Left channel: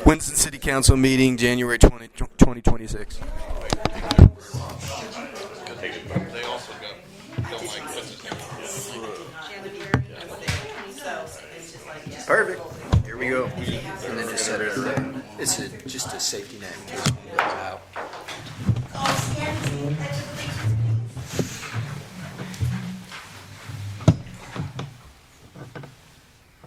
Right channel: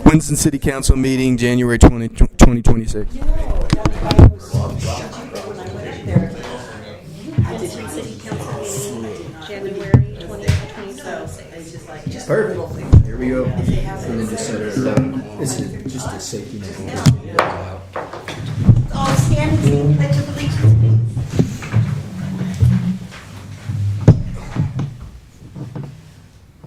Winston City Council meeting, January 2026. January 2026. Perfect. Here we go. And then just set it up. It's just a safety net in case we go out. All standing, pledge of allegiance.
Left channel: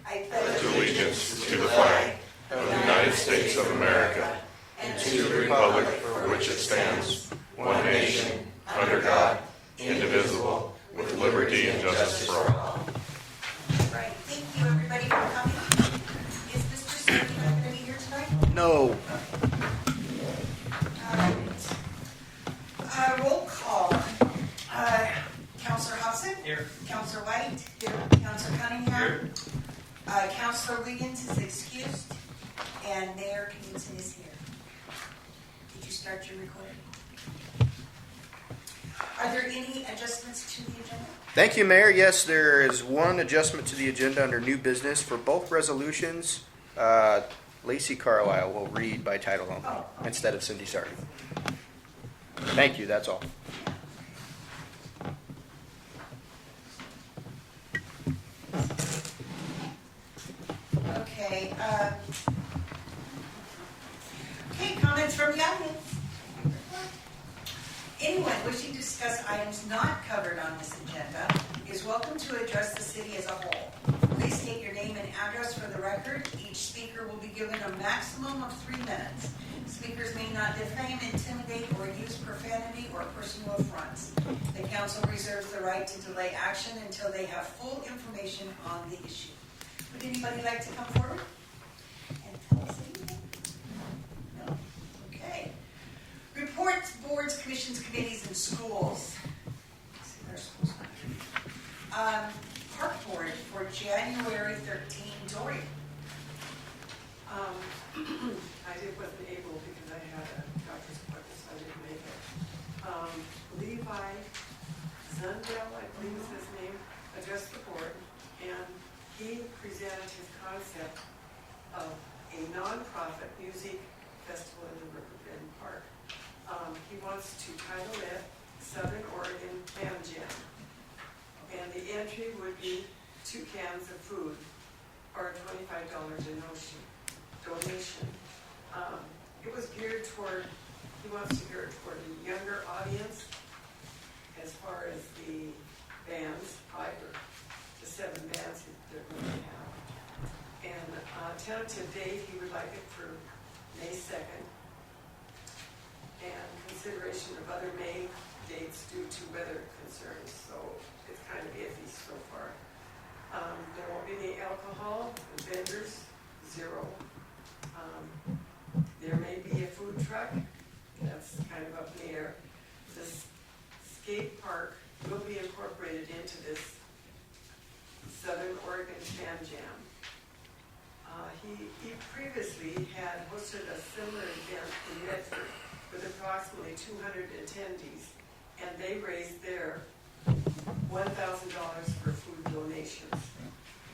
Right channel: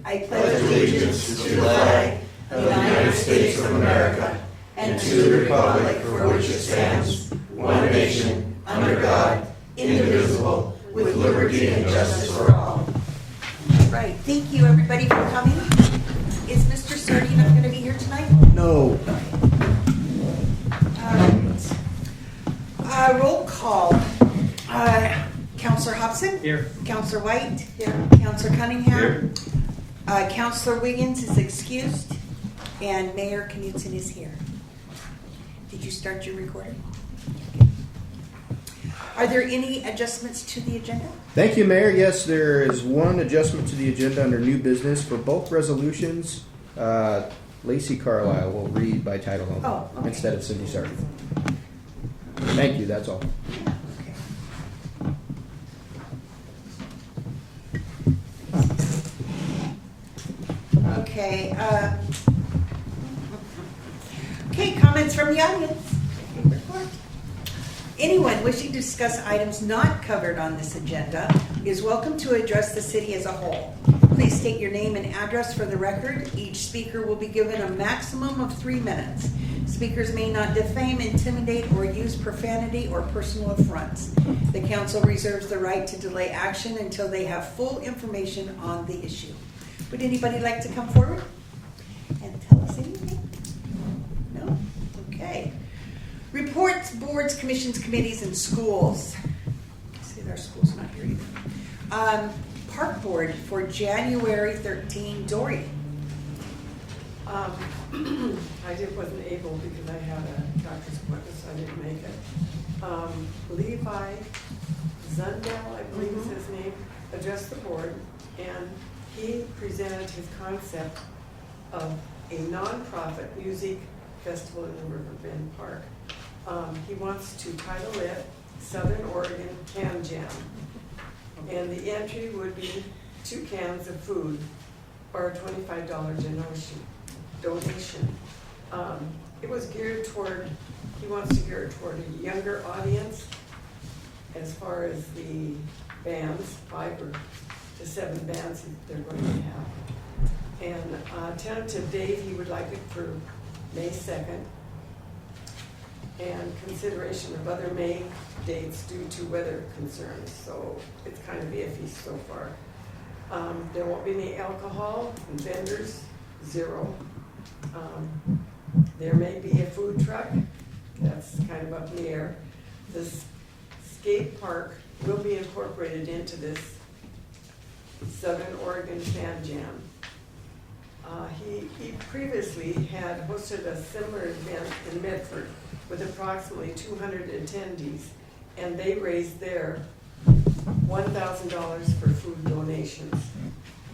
I pledge allegiance to the flag of the United States of America and to the republic for which it stands, one nation, under God, indivisible, with liberty and justice for all. Right. Thank you, everybody, for coming. Is Mr. Sardino going to be here tonight? No. Roll call. Counselor Hobson? Here. Counselor White? Here. Counselor Cunningham? Here. Counselor Wiggins is excused. And Mayor Knudsen is here. Did you start your recording? Are there any adjustments to the agenda? Thank you, Mayor. Yes, there is one adjustment to the agenda under new business. For both resolutions, Lacey Carlisle will read by title only Okay. instead of Cindy Sardi. Thank you. That's all. Okay. Okay, comments from the audience. Anyone wishing to discuss items not covered on this agenda is welcome to address the city as a whole. Please state your name and address for the record. Each speaker will be given a maximum of 3 minutes. Speakers may not defame, intimidate, or use profanity or personal affronts. The council reserves the right to delay action until they have full information on the issue. Would anybody like to come forward and tell us anything? No? Okay. Reports, boards, commissions, committees, and schools. See, our school's not here either. Park board for January 13, Dory. I wasn't able because I had a doctor's appointment, so I didn't make it. Levi Zundel, I believe is his name, addressed the board, and he presented his concept of a nonprofit music festival in the Riverbend Park. He wants to title it Southern Oregon Can Jam. And the entry would be 2 cans of food or $25 donation. It was geared toward, he wants to gear it toward a younger audience as far as the bands, 5 or to 7 bands they're going to have. And tentative date, he would like it for May 2nd. And consideration of other May dates due to weather concerns, so it's kind of iffy so far. There won't be any alcohol, and vendors, 0. There may be a food truck, that's kind of up in the air. The skate park will be incorporated into this Southern Oregon Can Jam. He previously had hosted a similar event in Medford with approximately 200 attendees, and they raised their $1,000 for food donations.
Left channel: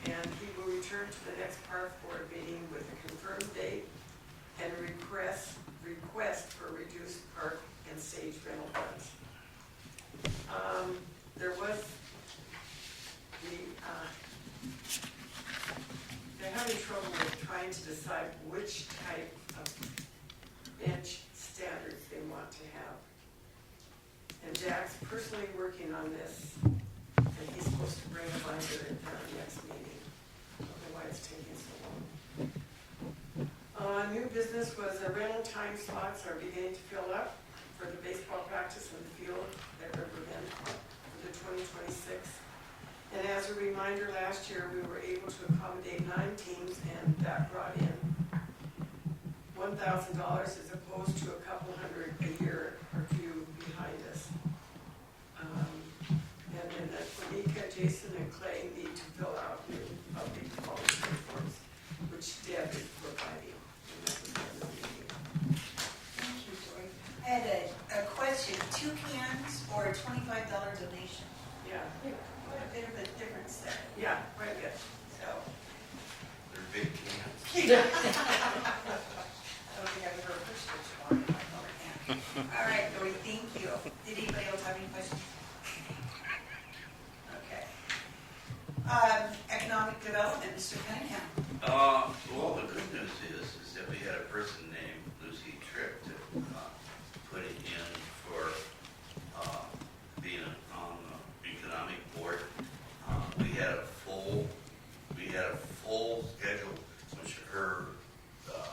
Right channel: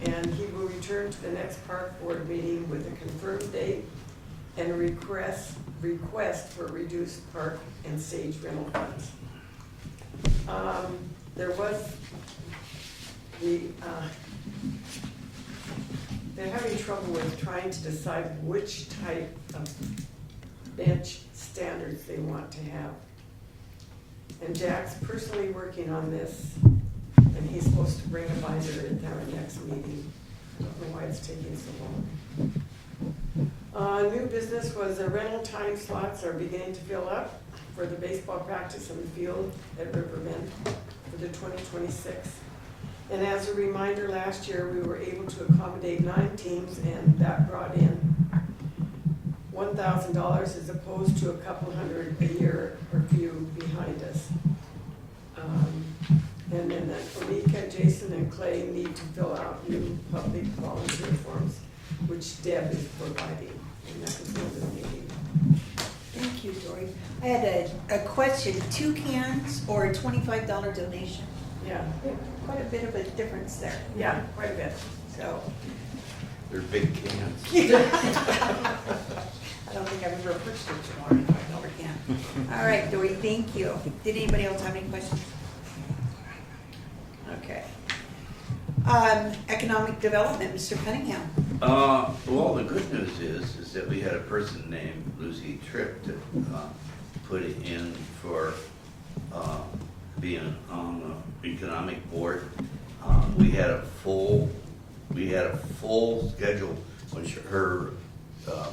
And he will return to the next park board meeting with a confirmed date and request for reduced park and stage rental funds. They're having trouble with trying to decide which type of bench standards they want to have. And Jack's personally working on this, and he's supposed to bring a binder at our next meeting. I don't know why it's taking so long. New business was the rental time slots are beginning to fill up for the baseball practice in the field at Riverbend for the 2026. And as a reminder, last year we were able to accommodate 9 teams, and that brought in $1,000 as opposed to a couple hundred a year or few behind us. And then Onika, Jason, and Clay need to fill out new public volunteer forms, which Deb is providing. And that was the meeting. Thank you, Dory. I had a question. 2 cans or a $25 donation? Yeah, Quite a bit of a difference there. quite a bit. So, They're big cans. so. Did anybody else have any questions? Okay. Economic development, Mr. Cunningham. Well, the good news is that we had a person named Lucy Tripp to put it in for being on the economic board. We had a full schedule when her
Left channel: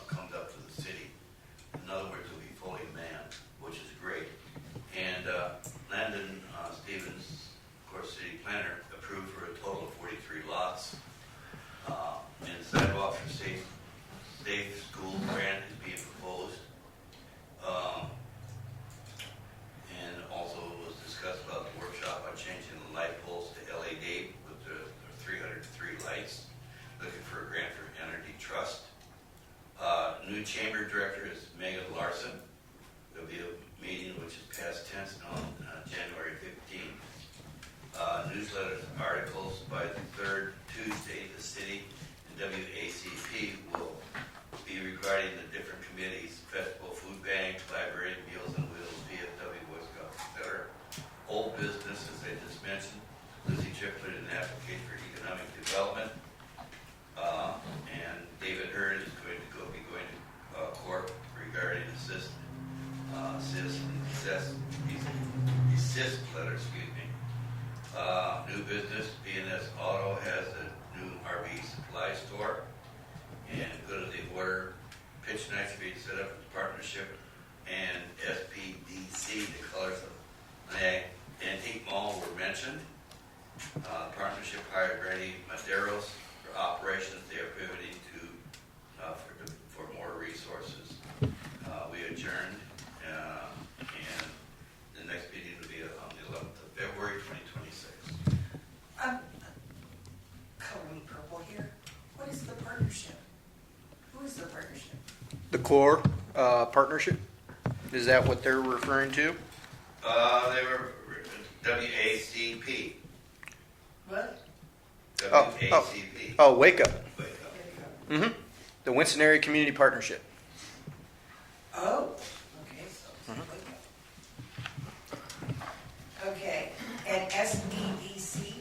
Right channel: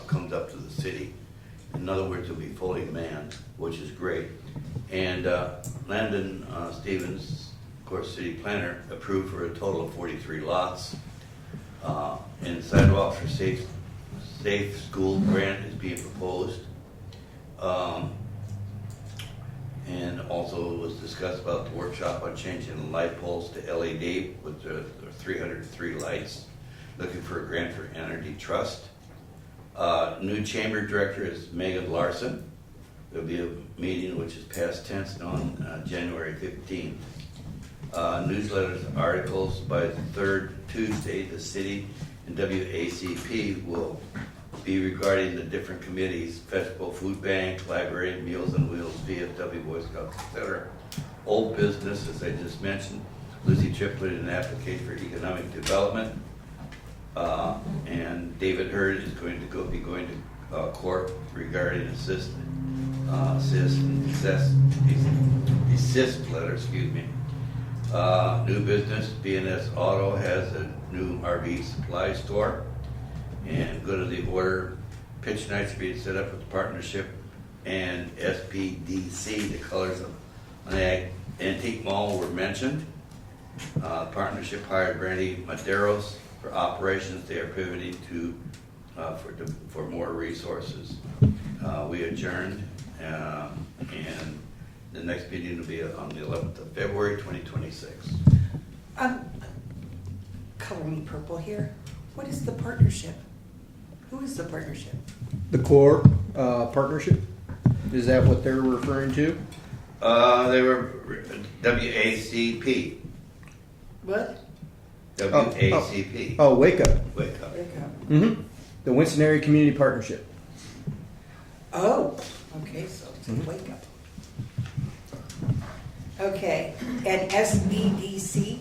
comes up to the city. In other words, it'll be fully manned, which is great. And Landon Stevens, of course, city planner, approved for a total of 43 lots. And sidewalk for safe school grant is being proposed. And also it was discussed about the workshop on changing the light poles to LED with the 303 lights. Looking for a grant for Energy Trust. New chamber director is Megan Larson. There'll be a meeting which is past tense on January 15th. Newsletters, articles by the third Tuesday, the city and WACP will be regarding the different committees: Festival Food Bank, Library, Meals on Wheels, VFW, Boy Scouts, etc. Old business, as I just mentioned, Lucy Tripp put in an application for economic development. And David Hurd is going to be going to court regarding assist letter, excuse me. New business, B&S Auto has a new RV supply store, and good of the order, pitch nights being set up with the partnership and SPDC. The colors of an antique mall were mentioned. Partnership hired Brandy Maderos for operations. They are pivoting to for more resources. We adjourned, and the next meeting will be on the 11th of February, 2026. Color me purple here. What is the partnership? Who is the partnership? The core partnership. Is that what they're referring to? They were WACP. What? WACP. Oh, Wake Up. Wake up. Mm-hmm. The Winston Area Community Partnership. Oh, okay, so it's a wake up. Okay, and SBDC?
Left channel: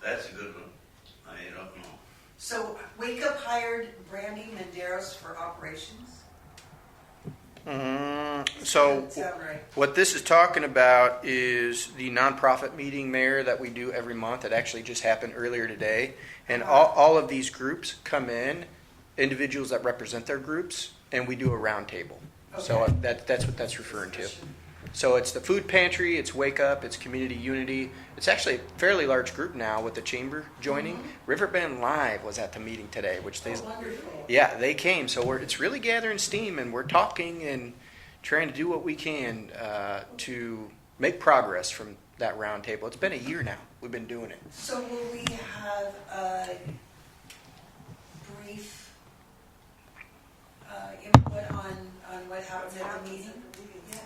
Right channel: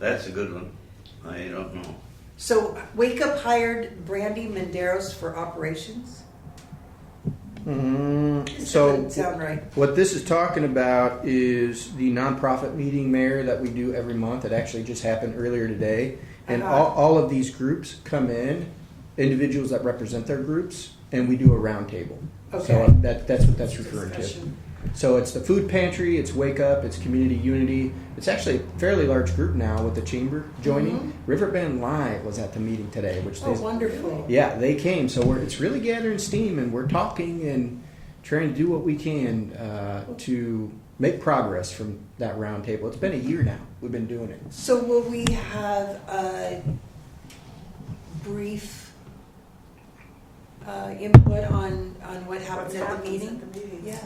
That's a good one. I don't know. So Wake Up hired Brandy Menderos for operations? So Doesn't sound right. what this is talking about is the nonprofit meeting, Mayor, that we do every month. It actually just happened earlier today. And all of these groups come in, individuals that represent their groups, and we do a round table. So Okay. that's what that's referring to. So it's the food pantry, it's Wake Up, it's Community Unity. It's actually a fairly large group now with the chamber joining. Riverbend Live was at the meeting today, which Oh, wonderful. yeah, they came. So it's really gathering steam, and we're talking and trying to do what we can to make progress from that round table. It's been a year now we've been doing it. So will we have a brief input on what happens at the meeting? Yeah.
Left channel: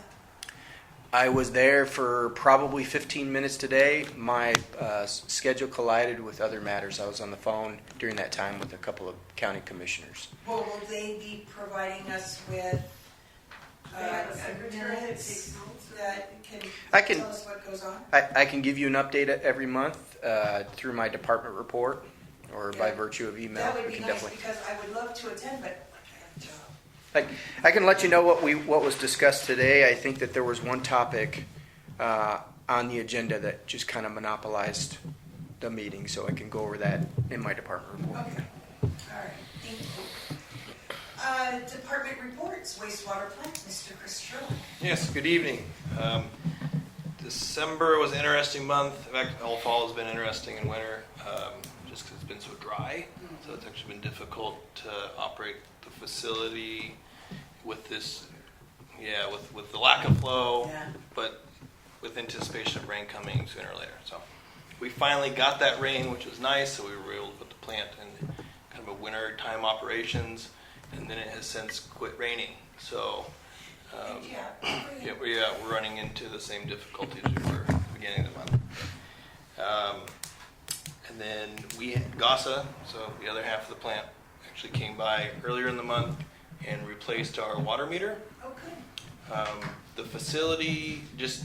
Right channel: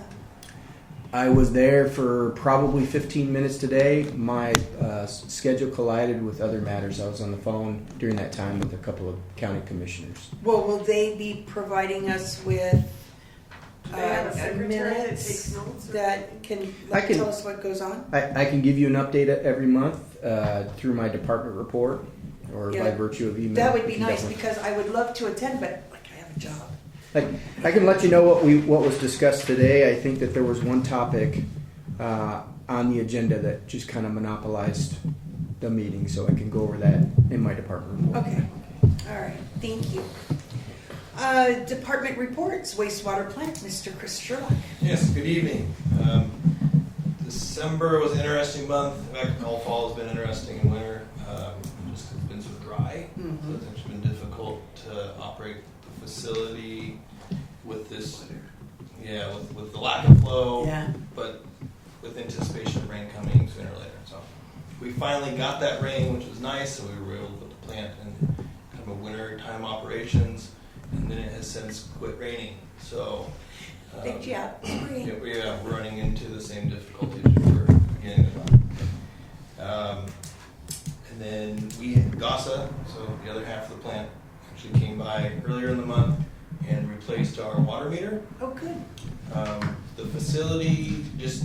I was there for probably 15 minutes today. My schedule collided with other matters. I was on the phone during that time with a couple of county commissioners. Well, will they be providing us with They have a secretary that minutes takes notes. that can I can- tell us what goes on? I can give you an update every month through my department report or by Yeah. virtue of email. That would I be can nice definitely- because I would love to attend, but like I have a job. I can let you know what was discussed today. I think that there was one topic on the agenda that just kind of monopolized the meeting, so I can go over that in my department report. Okay. All right. Thank you. Department reports, wastewater plant, Mr. Chris Sherlock. Yes, good evening. December was an interesting month. In fact, all fall has been interesting in winter, just 'cause it's been so dry. So it's actually been difficult to operate the facility with this, with the lack of flow, Yeah. but with anticipation of rain coming sooner or later. So we finally got that rain, which was nice, so we were able to put the plant in kind of a winter time operations, and then it has since quit raining. So Yeah. we're running into the same difficulties we were at the beginning of the month. And then we had GASA, so the other half of the plant, actually came by earlier in the month, and replaced our water meter. Oh, good. The facility, just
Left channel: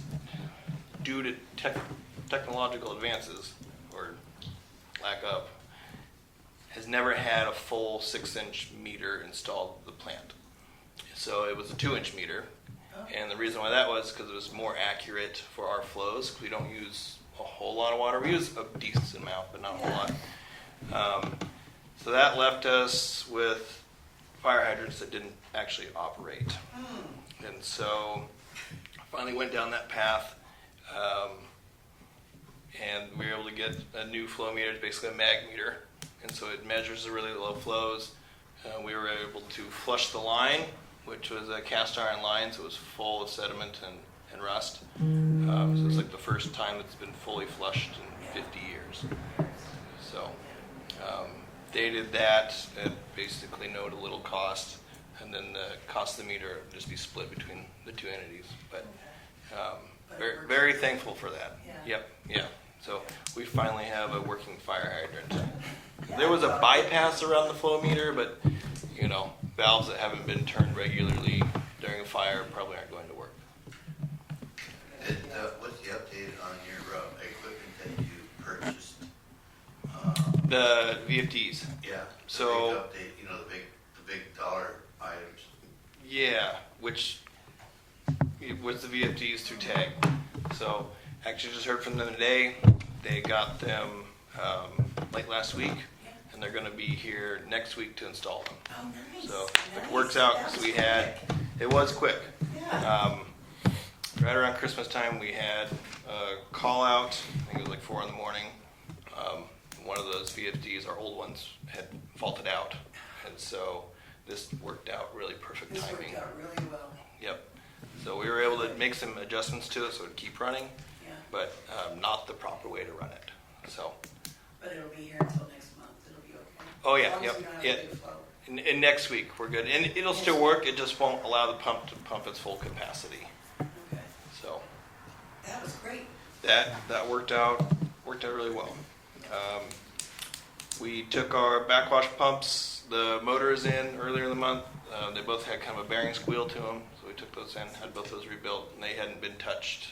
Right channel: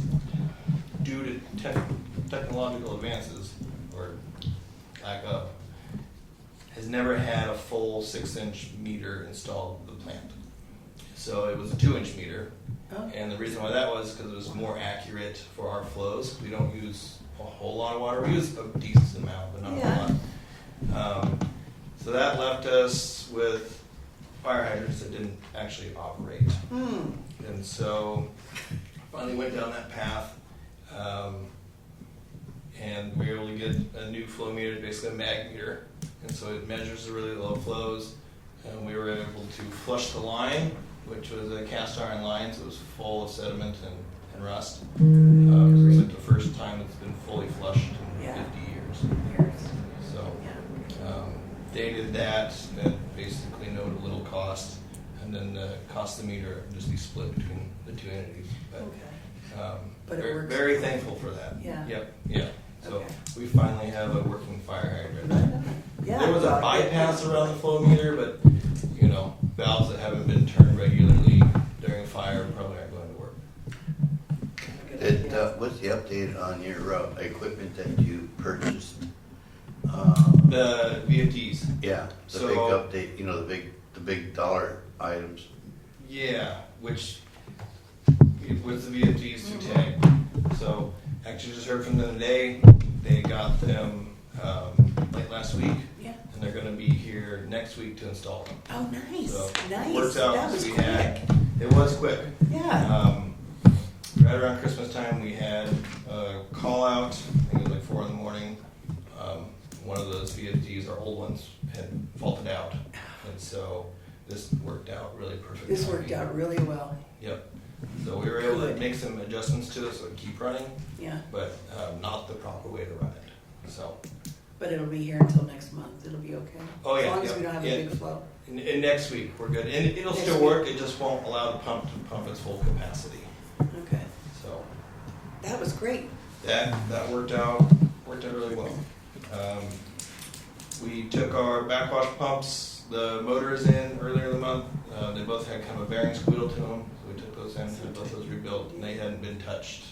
due to technological advances, or lack of, has never had a full 6-inch meter installed at the plant. So it was a 2-inch meter. Oh. And the reason why that was because it was more accurate for our flows. We don't use a whole lot of water. We use a decent amount, but not a whole lot. So that left us with fire hydrants that didn't actually operate. And so I finally went down that path, and we were able to get a new flow meter. It's basically a mag meter, and so it measures the really low flows. We were able to flush the line, which was a cast iron line, so it was full of sediment and rust. So it's like the first time it's been fully flushed in 50 years. So they did that at basically no to little cost, and then the cost of the meter would just be split between the two entities. But But it very, works. very thankful for that. Yeah. Yeah. So we finally have a working fire hydrant. Yeah, There was a well, bypass around the flow meter, but valves that haven't been turned regularly during a fire probably aren't going to work. What's the update on your equipment that you purchased? The VFDs. Yeah, the So- big update, the big dollar items. Yeah, which was the VFDs through TAG. So actually just heard from them today. They got them late last week, and they're going to be here next week to install them. Oh, nice. So Nice. it works out That because was we had, quick. it was quick. Yeah. Right around Christmas time, we had a call out. I think it was like 4 a.m. One of those VFDs, our old ones, had faulted out, and so this worked out really perfect. This timing. worked out really well. Yep. So we were able to make some adjustments to it so it would keep running, Yeah. but not the proper way to run it. So, But it'll be here until next month. It'll be okay. Oh, yeah, As long as yep, we don't have yeah. a big flow. and next week we're good, and it'll still work. It just won't allow the pump to pump its full capacity. Okay. So. That was great. That worked out really well. We took our backwash pumps. The motor is in earlier in the month. They both had kind of a bearing squeal to them, so we took those in, had both those rebuilt, and they hadn't been touched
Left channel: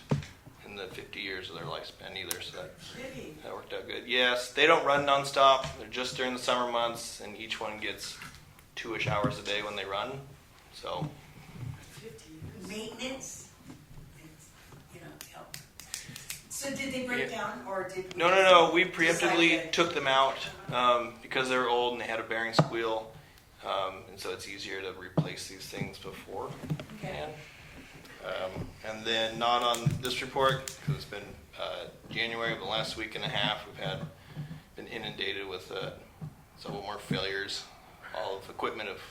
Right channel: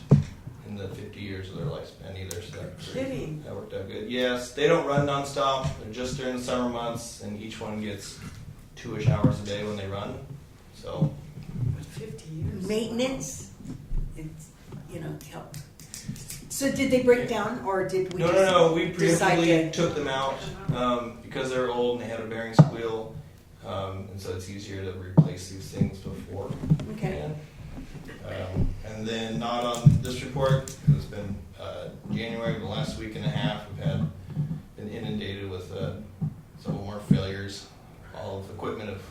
in the 50 years of their lifespan either. So Kidding. that worked out good. Yes, they don't run nonstop. They're just during the summer months, and each one gets 2-ish hours a day when they run. So 50 years. Maintenance, it's, help. So did they break down, or did we? No. We decide preemptively that- took them out because they're old and they had a bearing squeal, and so it's easier to replace these things before. Okay. And then not on this report, because it's been January, the last week and a half, we've been inundated with several more failures. All of the equipment of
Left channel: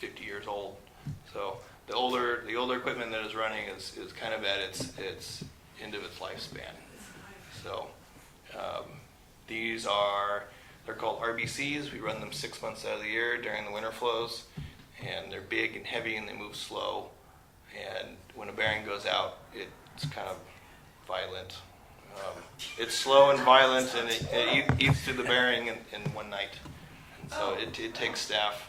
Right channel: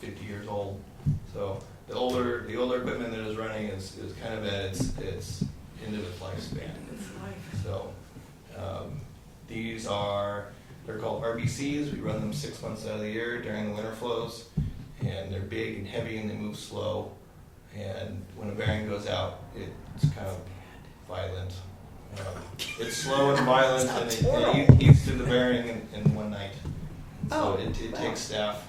50 years old. So the older equipment that is running is kind of at its end of its lifespan. So they're called RBCs. We run them 6 months out of the year during the winter flows, and they're big and heavy and they move slow. And when a bearing goes out, it's kind of violent. It's slow and violent, and it eats through the bearing in one night. And so it takes staff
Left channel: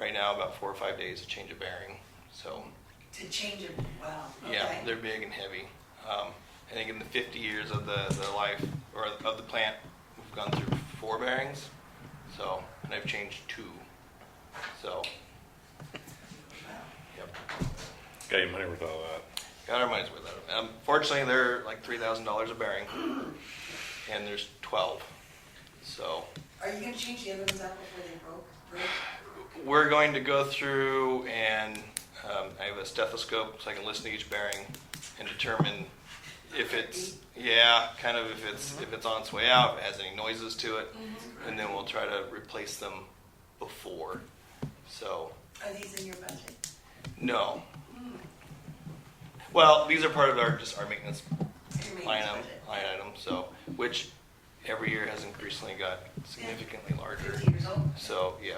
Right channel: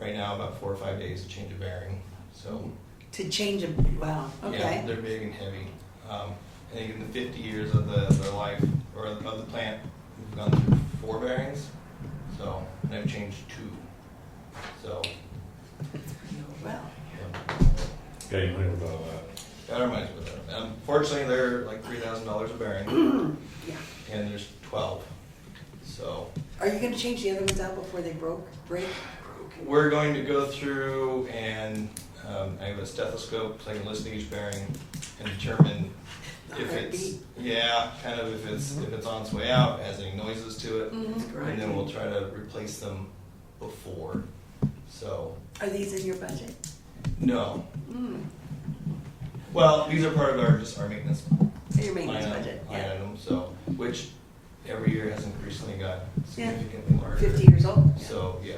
right now about 4 or 5 days to change a bearing. So To change it, wow, okay. yeah, they're big and heavy. I think in the 50 years of their life, or of the plant, we've gone through 4 bearings. So, and I've changed 2. So, Wow. yeah, Got your money worth out of that. got our money's worth of it. Fortunately, they're like $3,000 a bearing, and there's 12. So, Are you gonna change the other ones out before they break? we're going to go through and I have a stethoscope so I can listen to each bearing and determine if it's if it's on its way out, has any noises to it, and then we'll try to replace them before. So Are these in your budget? no. Well, these are part of our maintenance Your maintenance budget? line item. So which every year has increasingly got significantly larger. 50 years old? So yeah.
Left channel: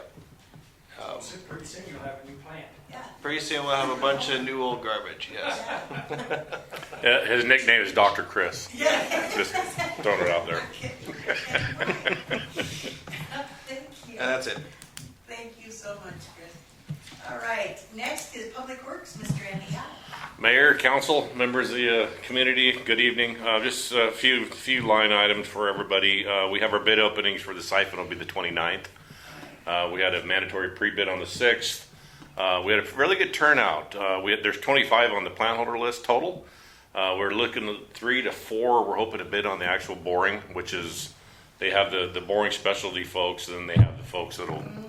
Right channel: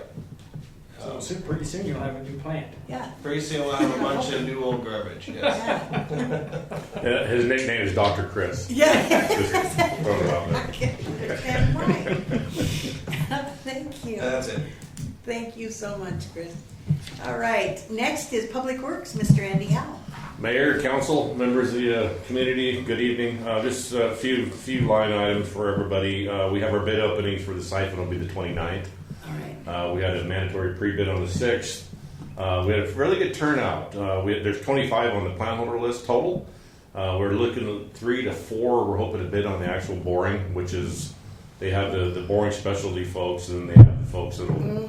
So pretty soon you'll have a new plant. Yeah. Pretty soon we'll have a bunch of new old garbage. Yes. Yeah. His nickname is Dr. Chris. Yeah. Just throwing it out there. I can't understand why. Thank you. And that's it. Thank you so much, Chris. All right, next is Public Works, Mr. Andy Howe. Mayor, council, members of the community, good evening. Just a few line items for everybody. We have our bid openings for the siphon will be the 29th. All right. We had a mandatory pre-bid on the 6th. We had a really good turnout. There's 25 on the plant holder list total. We're looking at 3 to 4. We're hoping to bid on the actual boring, which is they have the boring specialty folks, and then they have the folks that'll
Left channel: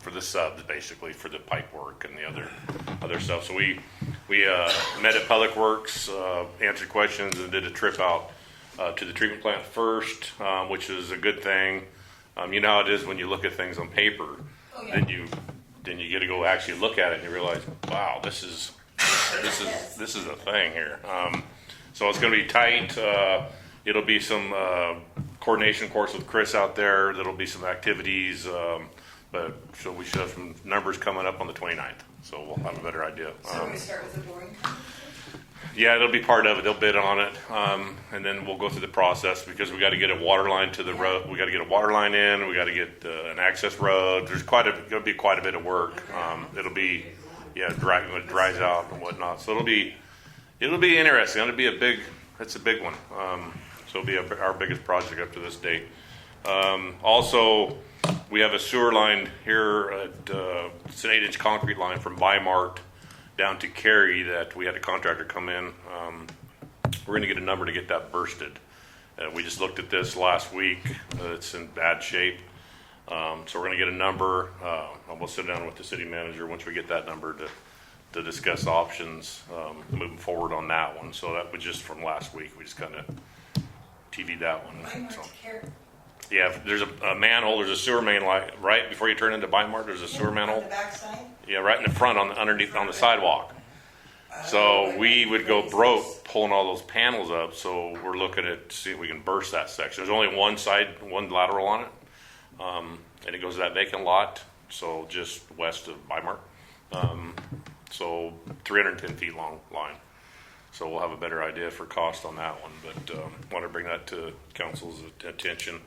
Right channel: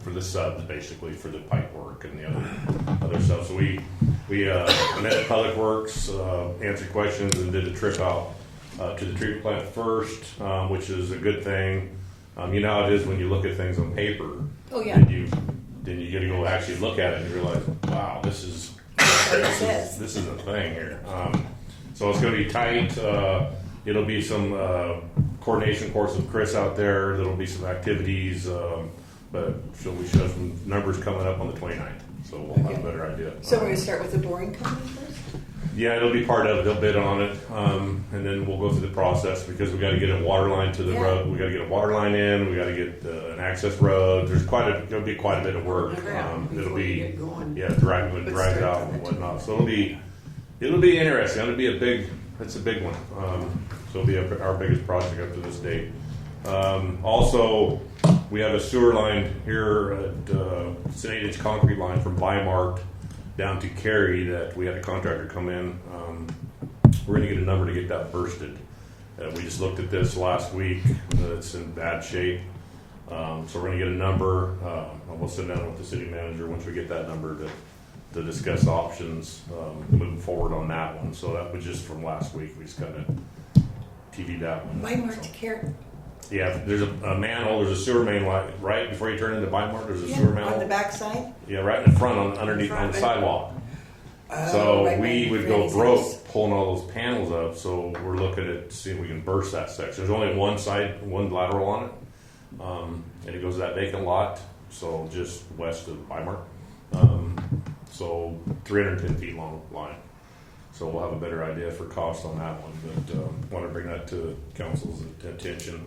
for the subs basically for the pipe work and the other stuff. So we met at Public Works, answered questions, and did a trip out to the treatment plant first, which is a good thing. You know how it is when you look at things on paper, Oh, yeah. and then you get to go actually look at it and you realize, wow, this is a thing here. So it's going to be tight. It'll be some coordination course with Chris out there. There'll be some activities, but so we should have some numbers coming up on the 29th. So we'll have a better idea. So we're gonna start with the boring company first? Yeah, it'll be part of it. They'll bid on it, and then we'll go through the process because we got to get a water line to the road. We got to get a water line in. We got to get an access road. There's going to be quite a bit of work. It'll be when it dries out and whatnot. So it'll be interesting. It'll be it's a big one. So it'll be our biggest project up to this date. Also, we have a sewer line here at it's an 8-inch concrete line from Bimart down to Cary that we had a contractor come in. We're going to get a number to get that bursted. We just looked at this last week. It's in bad shape. So we're going to get a number. We'll sit down with the city manager once we get that number to discuss options moving forward on that one. So that was just from last week. We just kind of TV'd that one. Bimart So, to Cary. yeah, there's a manhole. There's a sewer main line right before you turn into Bimart. There's a sewer On manhole. the backside? Yeah, right in the front, underneath on the sidewalk. So right we by would the go phrases. broke pulling all those panels up. So we're looking at see if we can burst that section. There's only one lateral on it, and it goes to that vacant lot. So just west of Bimart. So 310 feet long line. So we'll have a better idea for cost on that one. But want to bring that to council's attention.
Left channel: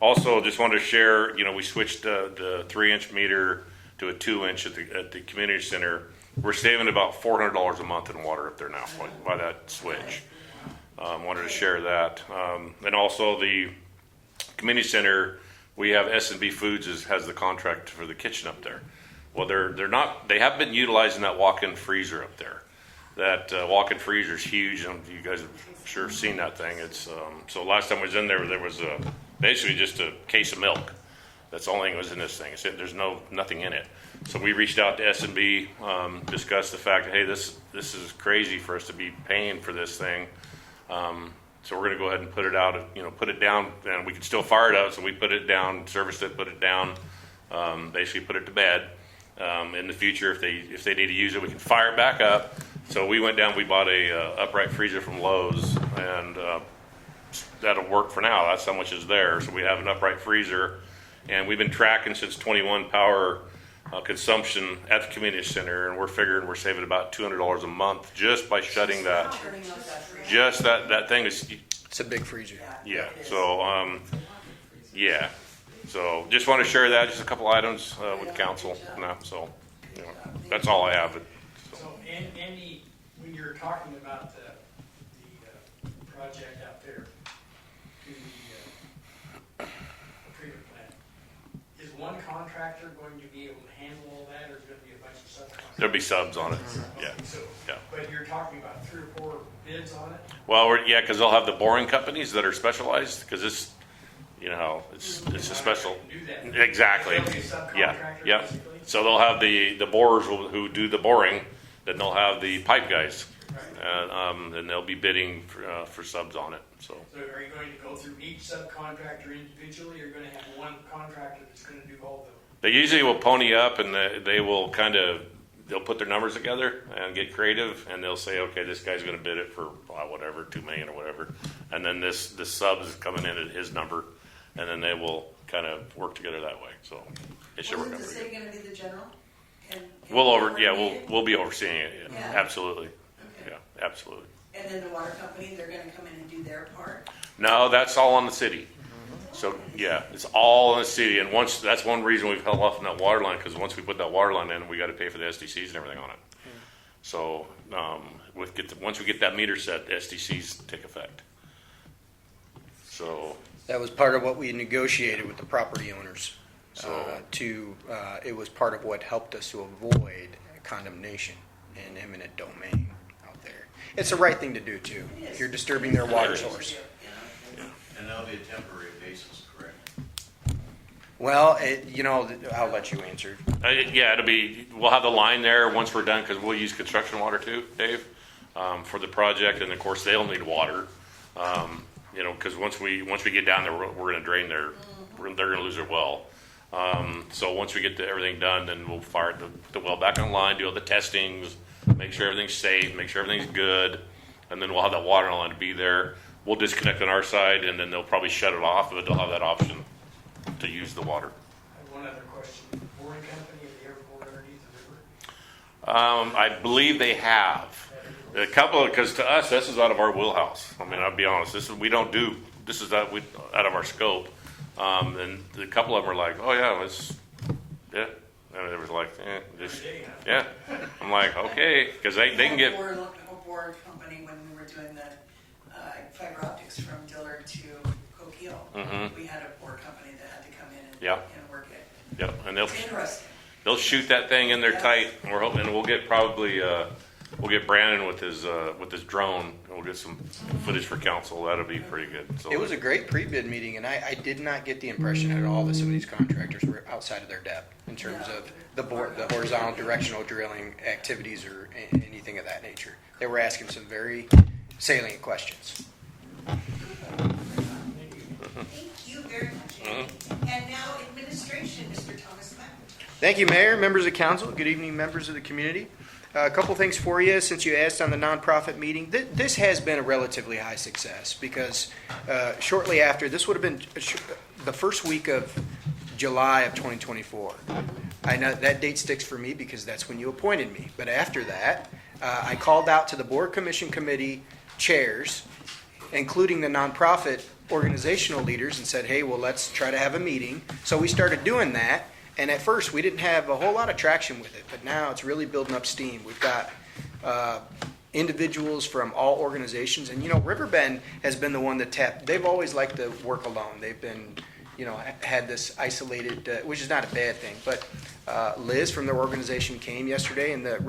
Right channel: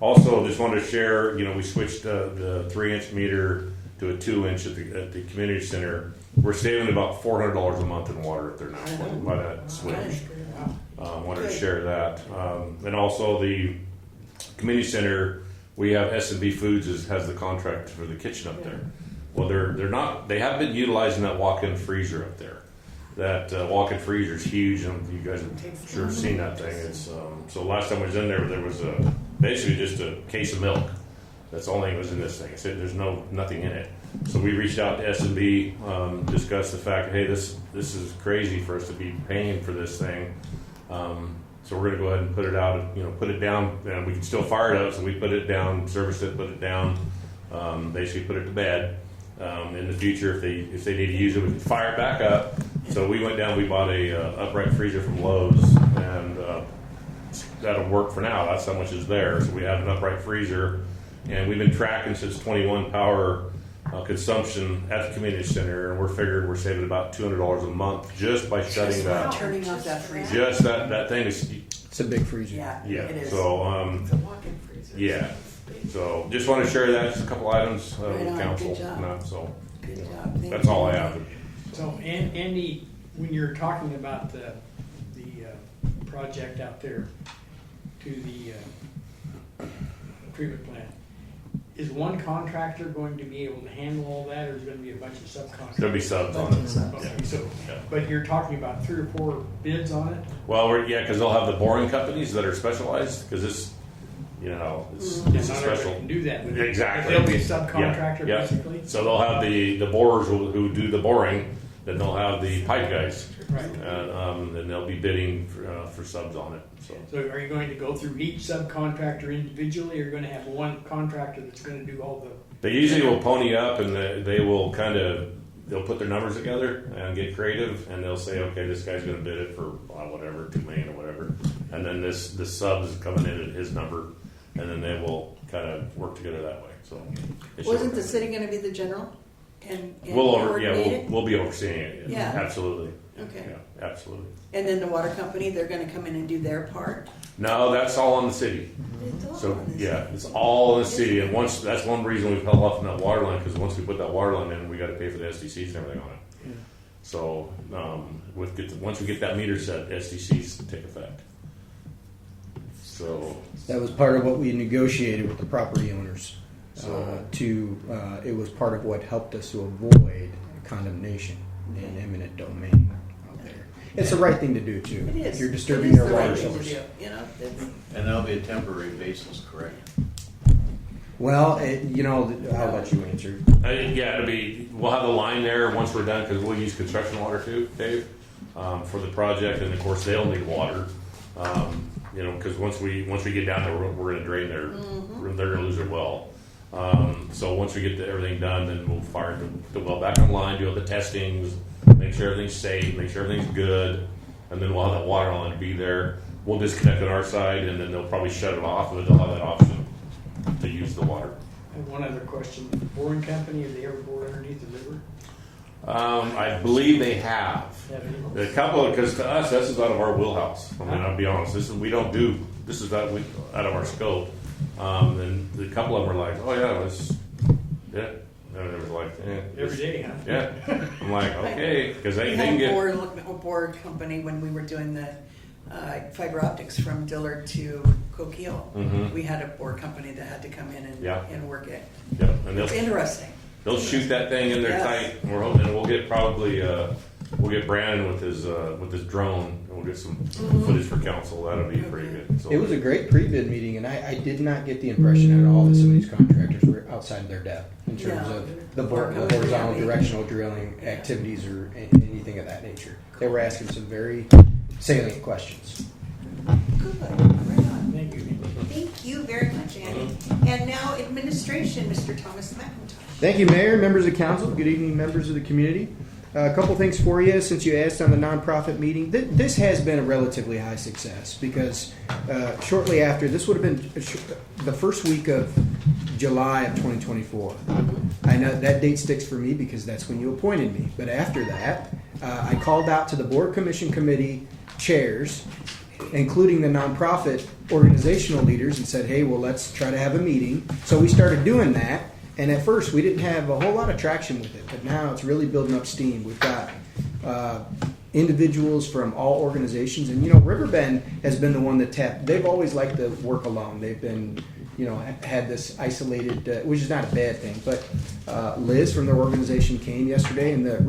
Also, just wanted to share. We switched the 3-inch meter to a 2-inch at the community center. We're saving about $400 a month in water up there now by that switch. Wanted to share that. And also the community center, we have S&B Foods has the contract for the kitchen up there. Well, they have been utilizing that walk-in freezer up there. That walk-in freezer is huge, and you guys have sure seen that thing. It's so last time I was in there was basically just a case of milk. That's the only thing that was in this thing. It said there's nothing in it. So we reached out to S&B, discussed the fact, hey, this is crazy for us to be paying for this thing. So we're going to go ahead and put it out, put it down, and we can still fire it up. So we put it down, serviced it, put it down, basically put it to bed. In the future, if they need to use it, we can fire it back up. So we went down, we bought a upright freezer from Lowe's, and that'll work for now. That's how much is there. So we have an upright freezer, and we've been tracking since 21 power consumption at the community center, and we're figuring we're saving about $200 a month just by shutting that. Turning off that freezer. Just that thing is, It's a big freezer. yeah. It is. So It's a walk-in freezer. yeah. So just want to share that, just a couple items Right with on. council. Good job. And that, so Good job. Thank that's all I you. have. So Andy, when you're talking about the project out there to the treatment plant, is one contractor going to be able to handle all that, or is there going to be a bunch of subcontractors? There'll be subs on it. Okay, Yeah. so, Yeah. but you're talking about 3 or 4 bids on it? Well, because they'll have the boring companies that are specialized, because it's it's a Not special. everybody can do that. Exactly. There'll be a subcontractor, Yeah. basically? So they'll have the borers who do the boring, then they'll have the pipe guys, Right. and then they'll be bidding for subs on it. So So are you going to go through each subcontractor individually, or are you going to have one contractor that's going to do all the? they usually will pony up, and they will they'll put their numbers together and get creative, and they'll say, okay, this guy's going to bid it for whatever, $2 million or whatever, and then the sub is coming in at his number, and then they will kind of work together that way. So it should Wasn't work the out. city gonna be the general? And We'll coordinate be overseeing it. Yeah. Absolutely. it? Okay. Yeah, absolutely. And then the water company, they're gonna come in and do their part? No, that's all on the city. So yeah, it's all in the city, and once that's one reason we've held off on that water line, because once we put that water line in, we got to pay for the SDCs and everything on it. So once we get that meter set, the SDCs take effect. So That was part of what we negotiated with the property owners. So- It was part of what helped us to avoid condemnation and eminent domain out there. It's the right thing to do too. It is. If you're disturbing It is their the right water thing to source. do, you know? And that'll be a temporary basis, correct? Well, I'll let you answer. yeah, we'll have the line there once we're done, because we'll use construction water too, Dave, for the project, and of course they'll need water. Because once we get down there, we're going to drain they're going to lose their well. So once we get everything done, then we'll fire the well back online, do all the testings, make sure everything's safe, make sure everything's good, and then we'll have that water line to be there. We'll disconnect on our side, and then they'll probably shut it off, but they'll have that option to use the water. I have one other question. Boring company, have they ever bored underneath the river? I believe they have. A couple, because to us, this is out of our wheelhouse. I mean, I'll be honest. This is out of our scope. And a couple of them are like, oh yeah. And they was like, Every day, huh? yeah. I'm like, okay, because they can get. A board company when we were doing the fiber optics from Dillard to Coquille. Mhm. We had a board company that had to come in and work it. Yep, and It's interesting. they'll shoot that thing in there Yes. tight. And we're hoping we'll get we'll get Brandon with his drone, and we'll get some footage for council. That'll be pretty good. So It was a great pre-bid meeting, and I did not get the impression at all that some of these contractors were outside of their depth in terms No. of the horizontal directional drilling activities or anything of that nature. They were asking some very salient questions. Thank you. Thank you very much, Annie. And now administration, Mr. Thomas McIntyre. Thank you, Mayor, members of council. Good evening, members of the community. A couple things for you since you asked on the nonprofit meeting. This has been a relatively high success because shortly after, this would have been the first week of July of 2024. I know that date sticks for me because that's when you appointed me. But after that, I called out to the board commission committee chairs, including the nonprofit organizational leaders, and said, hey, well, let's try to have a meeting. So we started doing that. And at first, we didn't have a whole lot of traction with it, but now it's really building up steam. We've got individuals from all organizations, and Riverbend has been the one that tapped. They've always liked to work alone. They've been, had this isolated, which is not a bad thing. But Liz from their organization came yesterday, and there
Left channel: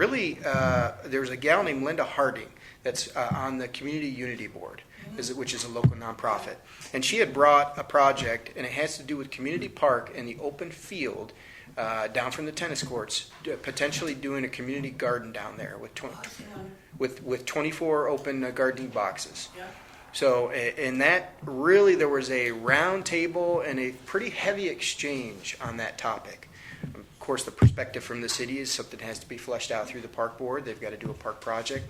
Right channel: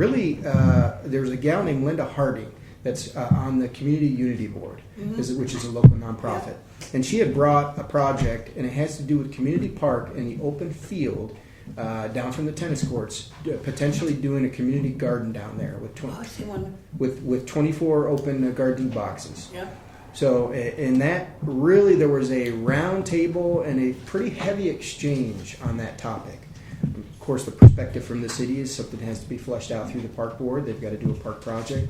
was a gal named Linda Harding that's on the Community Unity Board, which is a local nonprofit. And she had brought a project, and it has to do with Community Park and the open field down from the tennis courts, potentially doing a community garden down there with 24 open gardening boxes. Yeah. So in that, really, there was a round table and a pretty heavy exchange on that topic. Of course, the perspective from the city is something that has to be fleshed out through the park board. They've got to do a park project.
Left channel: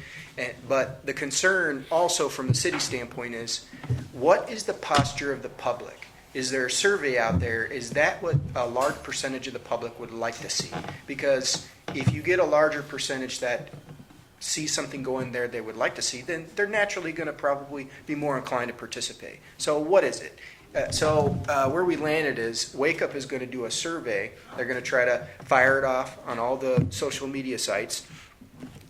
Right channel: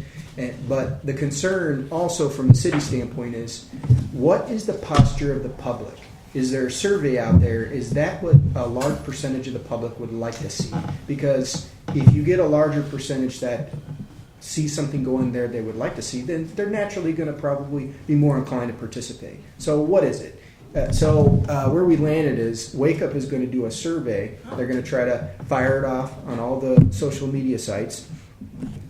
But the concern also from the city standpoint is, what is the posture of the public? Is there a survey out there? Is that what a large percentage of the public would like to see? Because if you get a larger percentage that see something going there they would like to see, then they're naturally going to probably be more inclined to participate. So what is it? Where we landed is Wake Up is going to do a survey. They're going to try to fire it off on all the social media sites.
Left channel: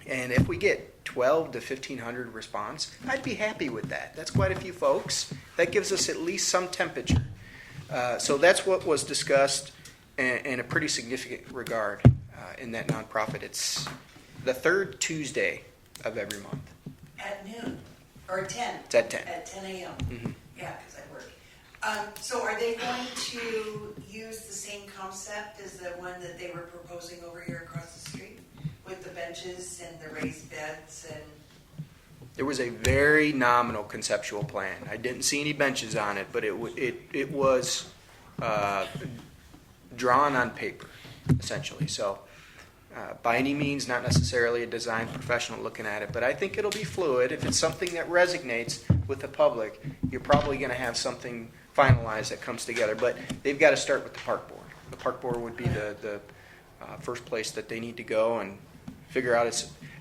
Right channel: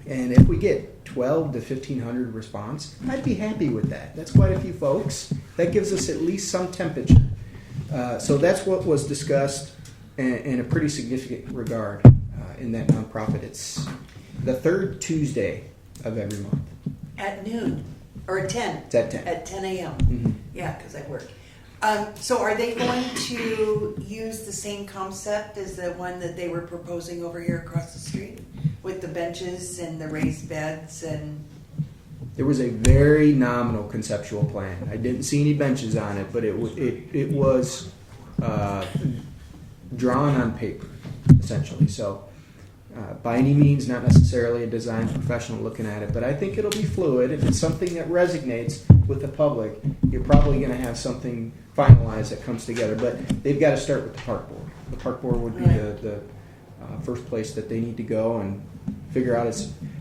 And if we get 12 to 1,500 response, I'd be happy with that. That's quite a few folks. That gives us at least some temperature. So that's what was discussed in a pretty significant regard in that nonprofit. It's the third Tuesday of every month. At noon, or at 10. It's at 10. At 10 a.m. Mhm. Yeah, because I work. So are they going to use the same concept as the one that they were proposing over here across the street? With the benches and the raised beds and... There was a very nominal conceptual plan. I didn't see any benches on it, but it was drawn on paper, essentially. So by any means, not necessarily a design professional looking at it, but I think it'll be fluid. If it's something that resonates with the public, you're probably going to have something finalized that comes together. But they've got to start with the park board. The park board would be the first place that they need to go and figure out.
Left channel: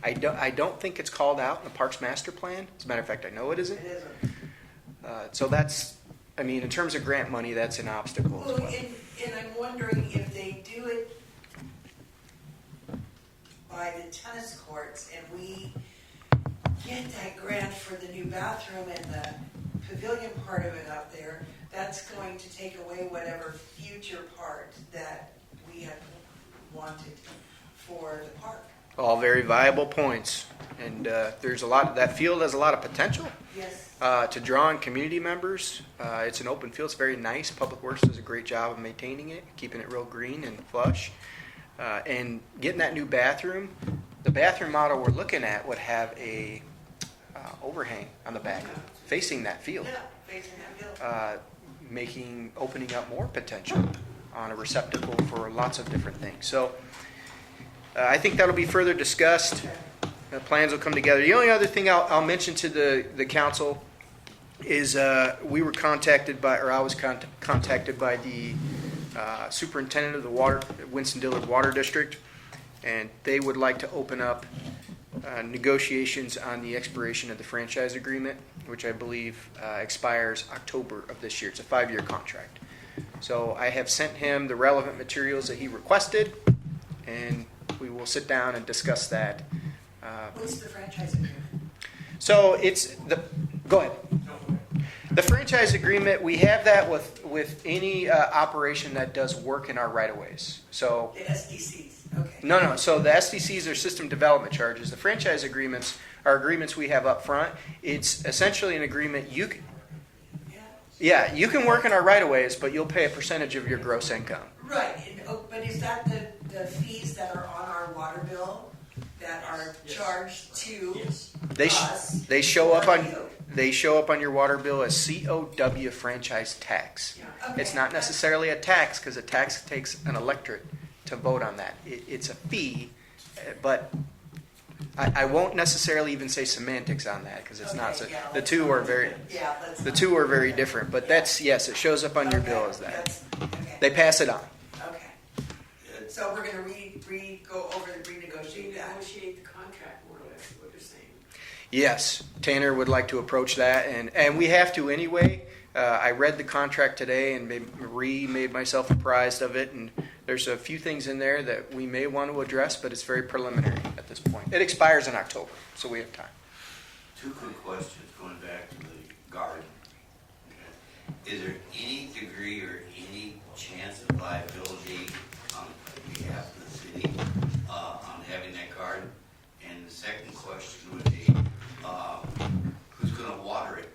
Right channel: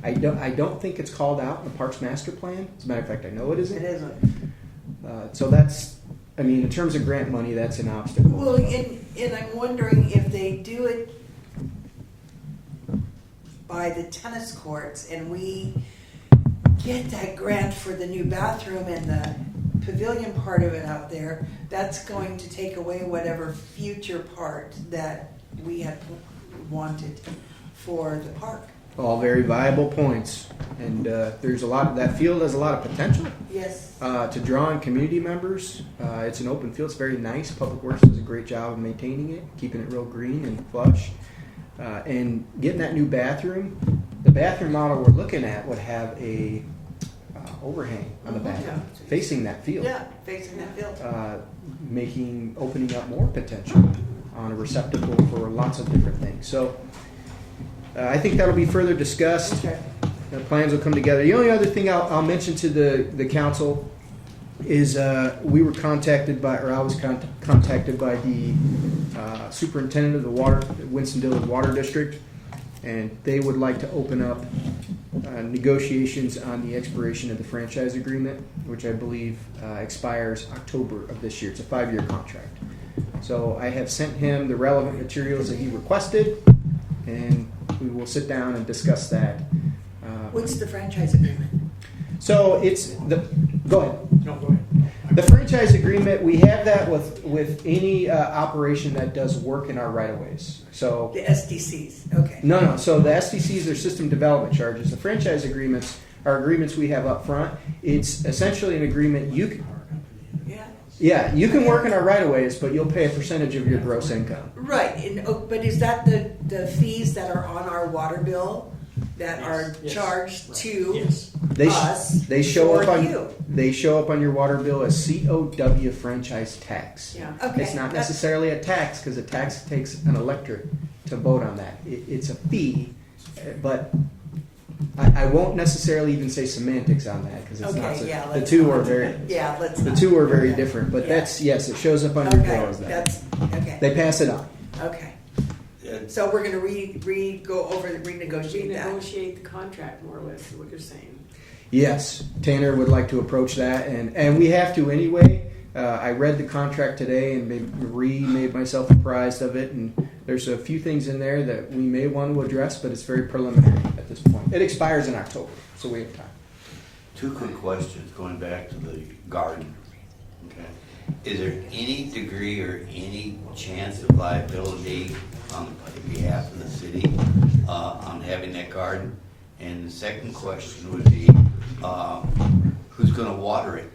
I don't think it's called out in the Parks Master Plan. As a matter of fact, I know it isn't. It isn't. So that's I mean, in terms of grant money, that's an obstacle. Well, and I'm wondering if they do it by the tennis courts and we get that grant for the new bathroom and the pavilion part of it out there, that's going to take away whatever future part that we had wanted for the park. All very viable points, and there's a lot. That field has a lot of potential Yes. to draw in community members. It's an open field. It's very nice. Public Works does a great job of maintaining it, keeping it real green and flush, and getting that new bathroom. The bathroom model we're looking at would have a overhang on the back, facing that field. Yeah, facing that field. Opening up more potential on a receptacle for lots of different things. So I think that'll be further discussed. Okay. Plans will come together. The only other thing I'll mention to the council is we were contacted by, or I was contacted by the superintendent of the Winston-Dillard Water District, and they would like to open up negotiations on the expiration of the franchise agreement, which I believe expires October of this year. It's a 5-year contract. So I have sent him the relevant materials that he requested, and we will sit down and discuss that. What's the franchise agreement? So go ahead. No, go ahead. The franchise agreement, we have that with any operation that does work in our right-of-ways. So The SDCs, okay. No. So the SDCs are system development charges. The franchise agreements are agreements we have up front. It's essentially an agreement you can work in our right-of-ways, but you'll pay a percentage of your gross income. Right, but is that the fees that are on our water bill that are Yes. charged to Yes. us? They show or up you? on your water bill as COW franchise tax. Yeah. Okay. It's not necessarily a tax because a tax takes an electorate to vote on that. It's a fee, but I won't necessarily even say semantics on that because it's not. Okay, yeah, The let's two not are do very. that. Yeah, let's. The not. two are very different, but that's yes, it shows up on your bill as that. Okay. They pass it on. Okay. Yeah, So we're gonna go over the renegotiate that. Renegotiate the contract more or less, is what you're saying. Yes, Tanner would like to approach that, and we have to anyway. I read the contract today and made myself apprised of it, and there's a few things in there that we may want to address, but it's very preliminary at this point. It expires in October, so we have time. 2 quick questions, going back to the garden. Okay. Is there any degree or any chance of liability on behalf of the city on having that garden? And the second question would be, who's going to water it?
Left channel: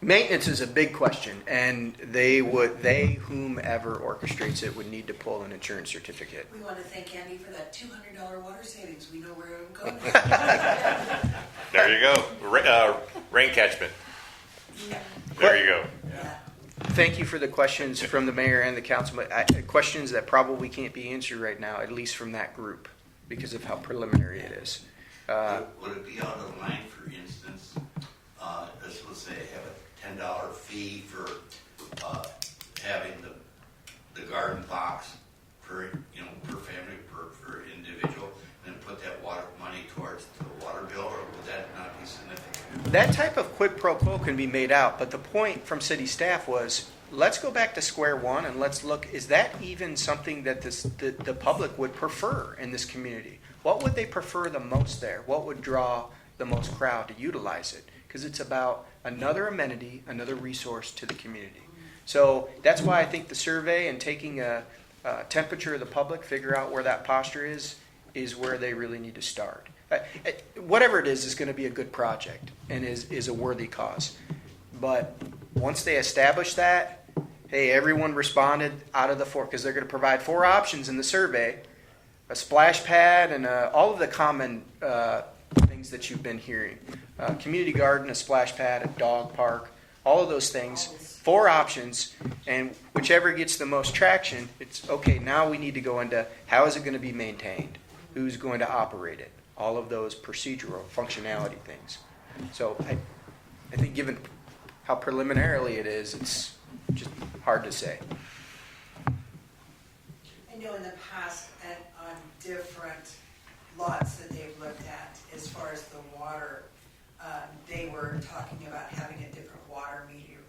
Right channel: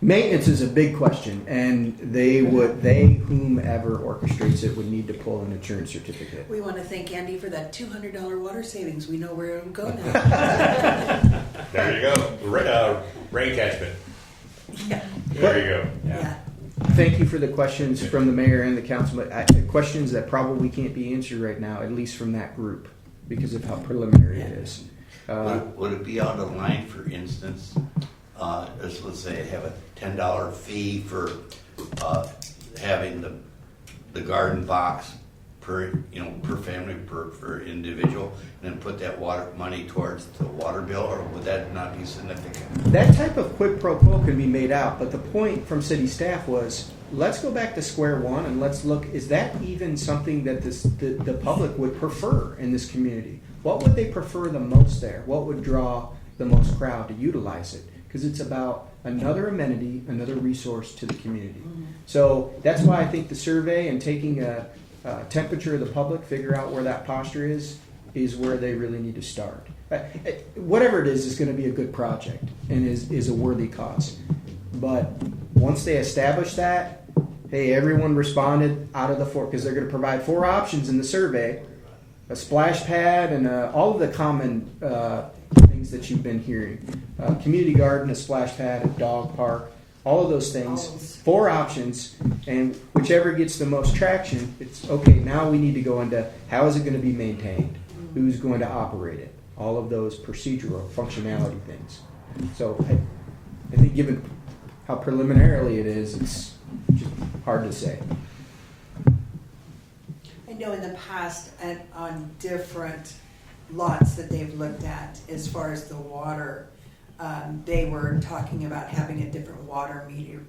Maintenance is a big question, and whomever orchestrates it would need to pull an insurance certificate. We want to thank Andy for that $200 water savings. We know where it'll go now. There you go. Rain catchment. Yeah. There you go. Yeah. Thank you for the questions from the mayor and the council, but questions that probably can't be answered right now, at least from that group, because of how preliminary it is. Would it be out of line, for instance, let's say have a $10 fee for having the garden box per family, per individual, and then put that water money towards the water bill, or would that not be significant? That type of quid pro quo can be made out, but the point from city staff was, let's go back to square one and let's look, is that even something that the public would prefer in this community? What would they prefer the most there? What would draw the most crowd to utilize it? Because it's about another amenity, another resource to the community. So that's why I think the survey and taking a temperature of the public, figure out where that posture is where they really need to start. Whatever it is going to be a good project and is a worthy cause. But once they establish that, hey, everyone responded out of the 4, because they're going to provide 4 options in the survey, a splash pad and all of the common things that you've been hearing. Community garden, a splash pad, a dog park, all of those things. 4 options, and whichever gets the most traction, it's okay, now we need to go into how is it going to be maintained? Who's going to operate it? All of those procedural functionality things. So I think given how preliminarily it is, it's just hard to say. I know in the past and on different lots that they've looked at as far as the water, they were talking about having a different water meter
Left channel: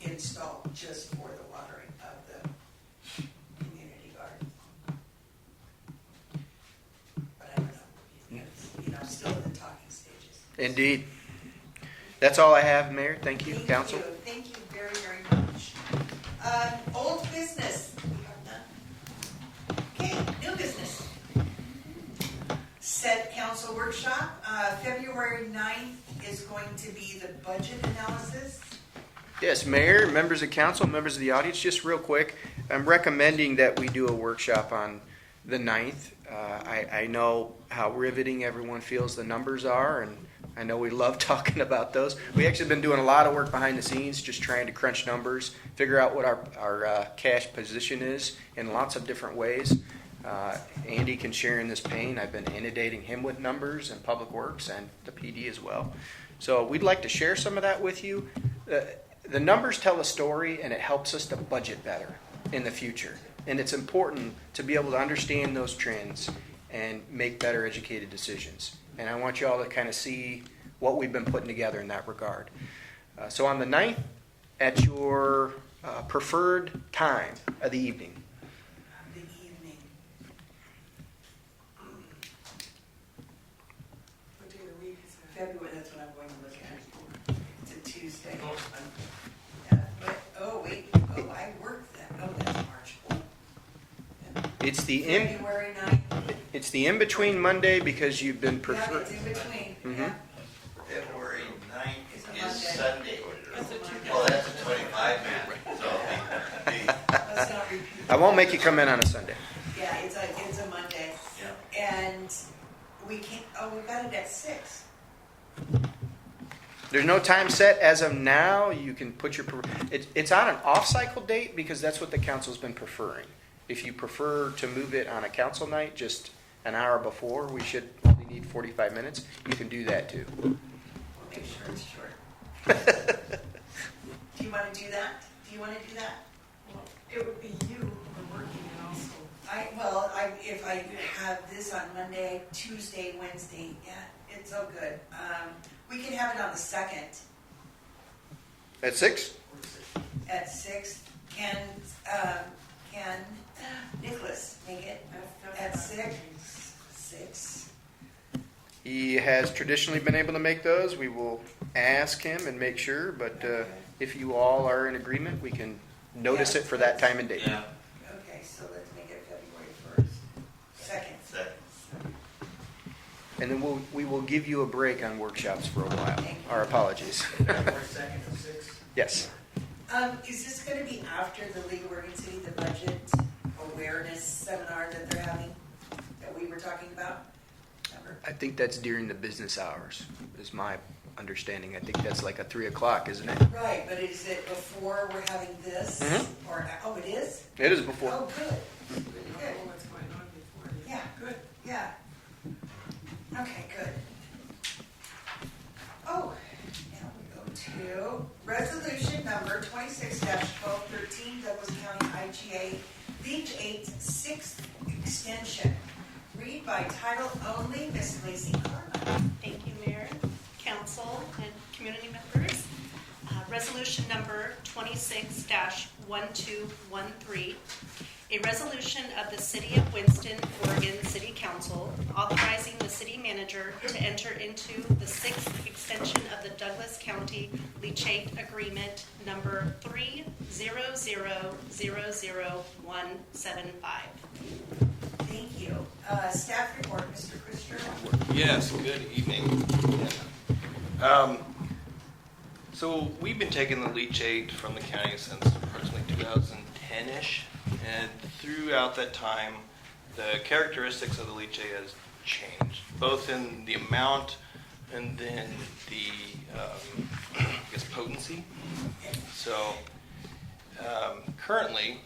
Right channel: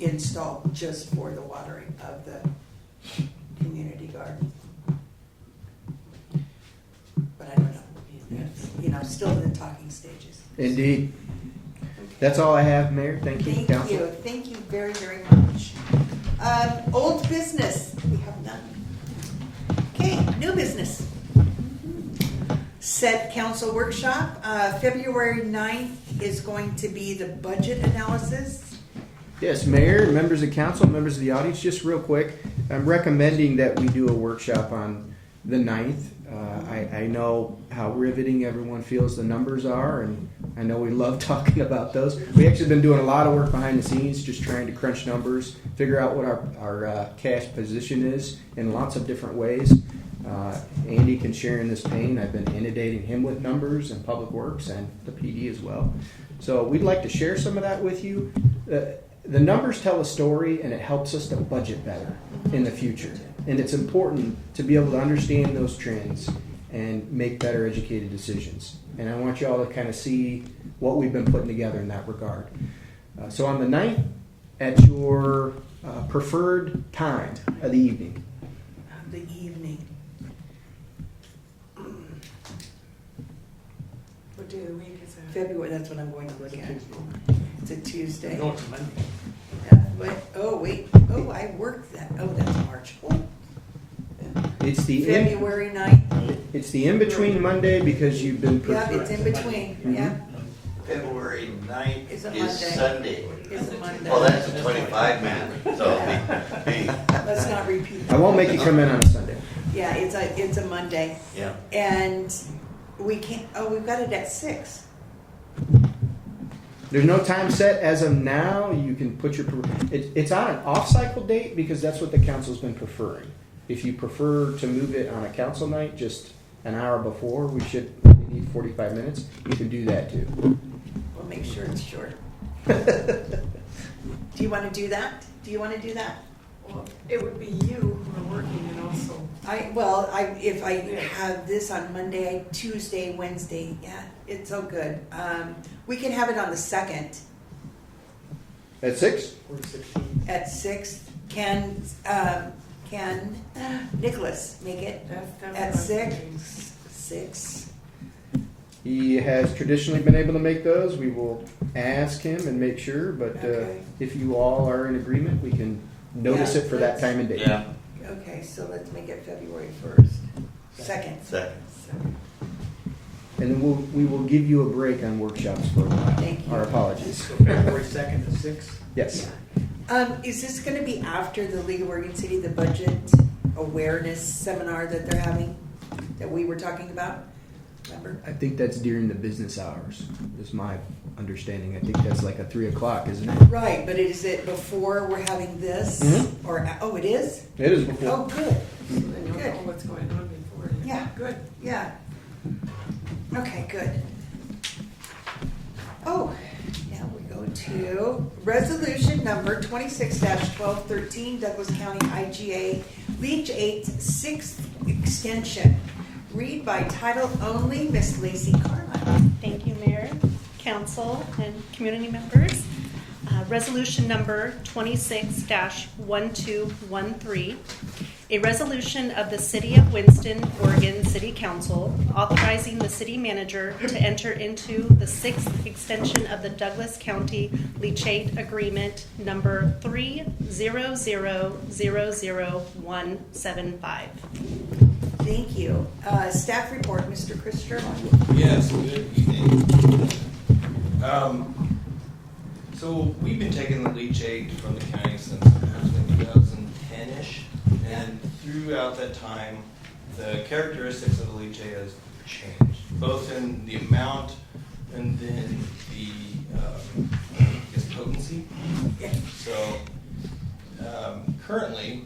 installed just for the watering of the community garden. But I don't know, you know, still in the talking stages. Indeed. That's all I have, Mayor. Thank you, Council. Thank you very, very much. Old business, we have none. Okay, new business. Set council workshop, February 9th is going to be the budget analysis. Yes, Mayor, members of council, members of the audience, just real quick, I'm recommending that we do a workshop on the 9th. I know how riveting everyone feels the numbers are, and I know we love talking about those. We actually been doing a lot of work behind the scenes, just trying to crunch numbers, figure out what our cash position is in lots of different ways. Andy can share in this pain. I've been inundating him with numbers and Public Works and the PD as well. So we'd like to share some of that with you. The numbers tell a story, and it helps us to budget better in the future. And it's important to be able to understand those trends and make better educated decisions. And I want you all to kind of see what we've been putting together in that regard. So on the 9th, at your preferred time of the evening. The evening. What day of the week is that? February, that's what I'm going to look at. It's a Tuesday. No, it's Monday. Oh, I worked that. Oh, that's March. Oh. It's the February 9th. it's the in between Monday because you've been Yeah, preferred. it's in between, yeah. February 9th It's a is Monday. Sunday. It's a Monday. Well, that's a 25 man, so Let's not repeat. I won't make you come in on a Sunday. Yeah, it's a Monday. yeah. And we can't, we've got it at 6. There's no time set as of now. You can put your it's on an off-cycle date because that's what the council's been preferring. If you prefer to move it on a council night, just an hour before, we should only need 45 minutes. You can do that too. We'll make sure it's short. Do you want to do that? Do you want to do that? Well, it would be you who are working and also. If I have this on Monday, Tuesday, Wednesday, yeah, it's all good. We can have it on the 2nd At 6? Or 16. at 6. Can Nicholas make it That's at what I'm 6? thinking. 6. He has traditionally been able to make those. We will ask him and make sure, but Okay. if you all are in agreement, we can notice Yeah, it for that time and date. Yeah. Okay, so let's make it February 1st. 2nd. Second. And then we will give you a break on workshops for a while. Thank you. Our apologies. February 2nd at 6. Yes. Is this going to be after the League of Oregon City, the budget awareness seminar that they're having, that we were talking about? Remember? I think that's during the business hours, is my understanding. I think that's like a 3 o'clock, isn't it? Right, but is it before we're having this? Mhm. Or, oh, it is? It is before. Oh, good. I know what's going on before. Yeah. Good. Yeah. Okay, good. Oh, now we go to resolution number 26-1213, Douglas County IGA Leach 8 6th extension. Read by title only, Miss Lacey Carmine. Thank you, Mayor, Council, and community members. Resolution number 26-1213, a resolution of the City of Winston, Oregon City Council authorizing the city manager to enter into the 6th extension of the Douglas County Leachate Agreement number 3000175. Thank you. Staff report, Mr. Chris Sherman. Yes, good evening. So we've been taking the leachate from the county since approximately 2010-ish, and throughout that time, the characteristics of the leachate has changed, both in the amount and then the potency. So currently,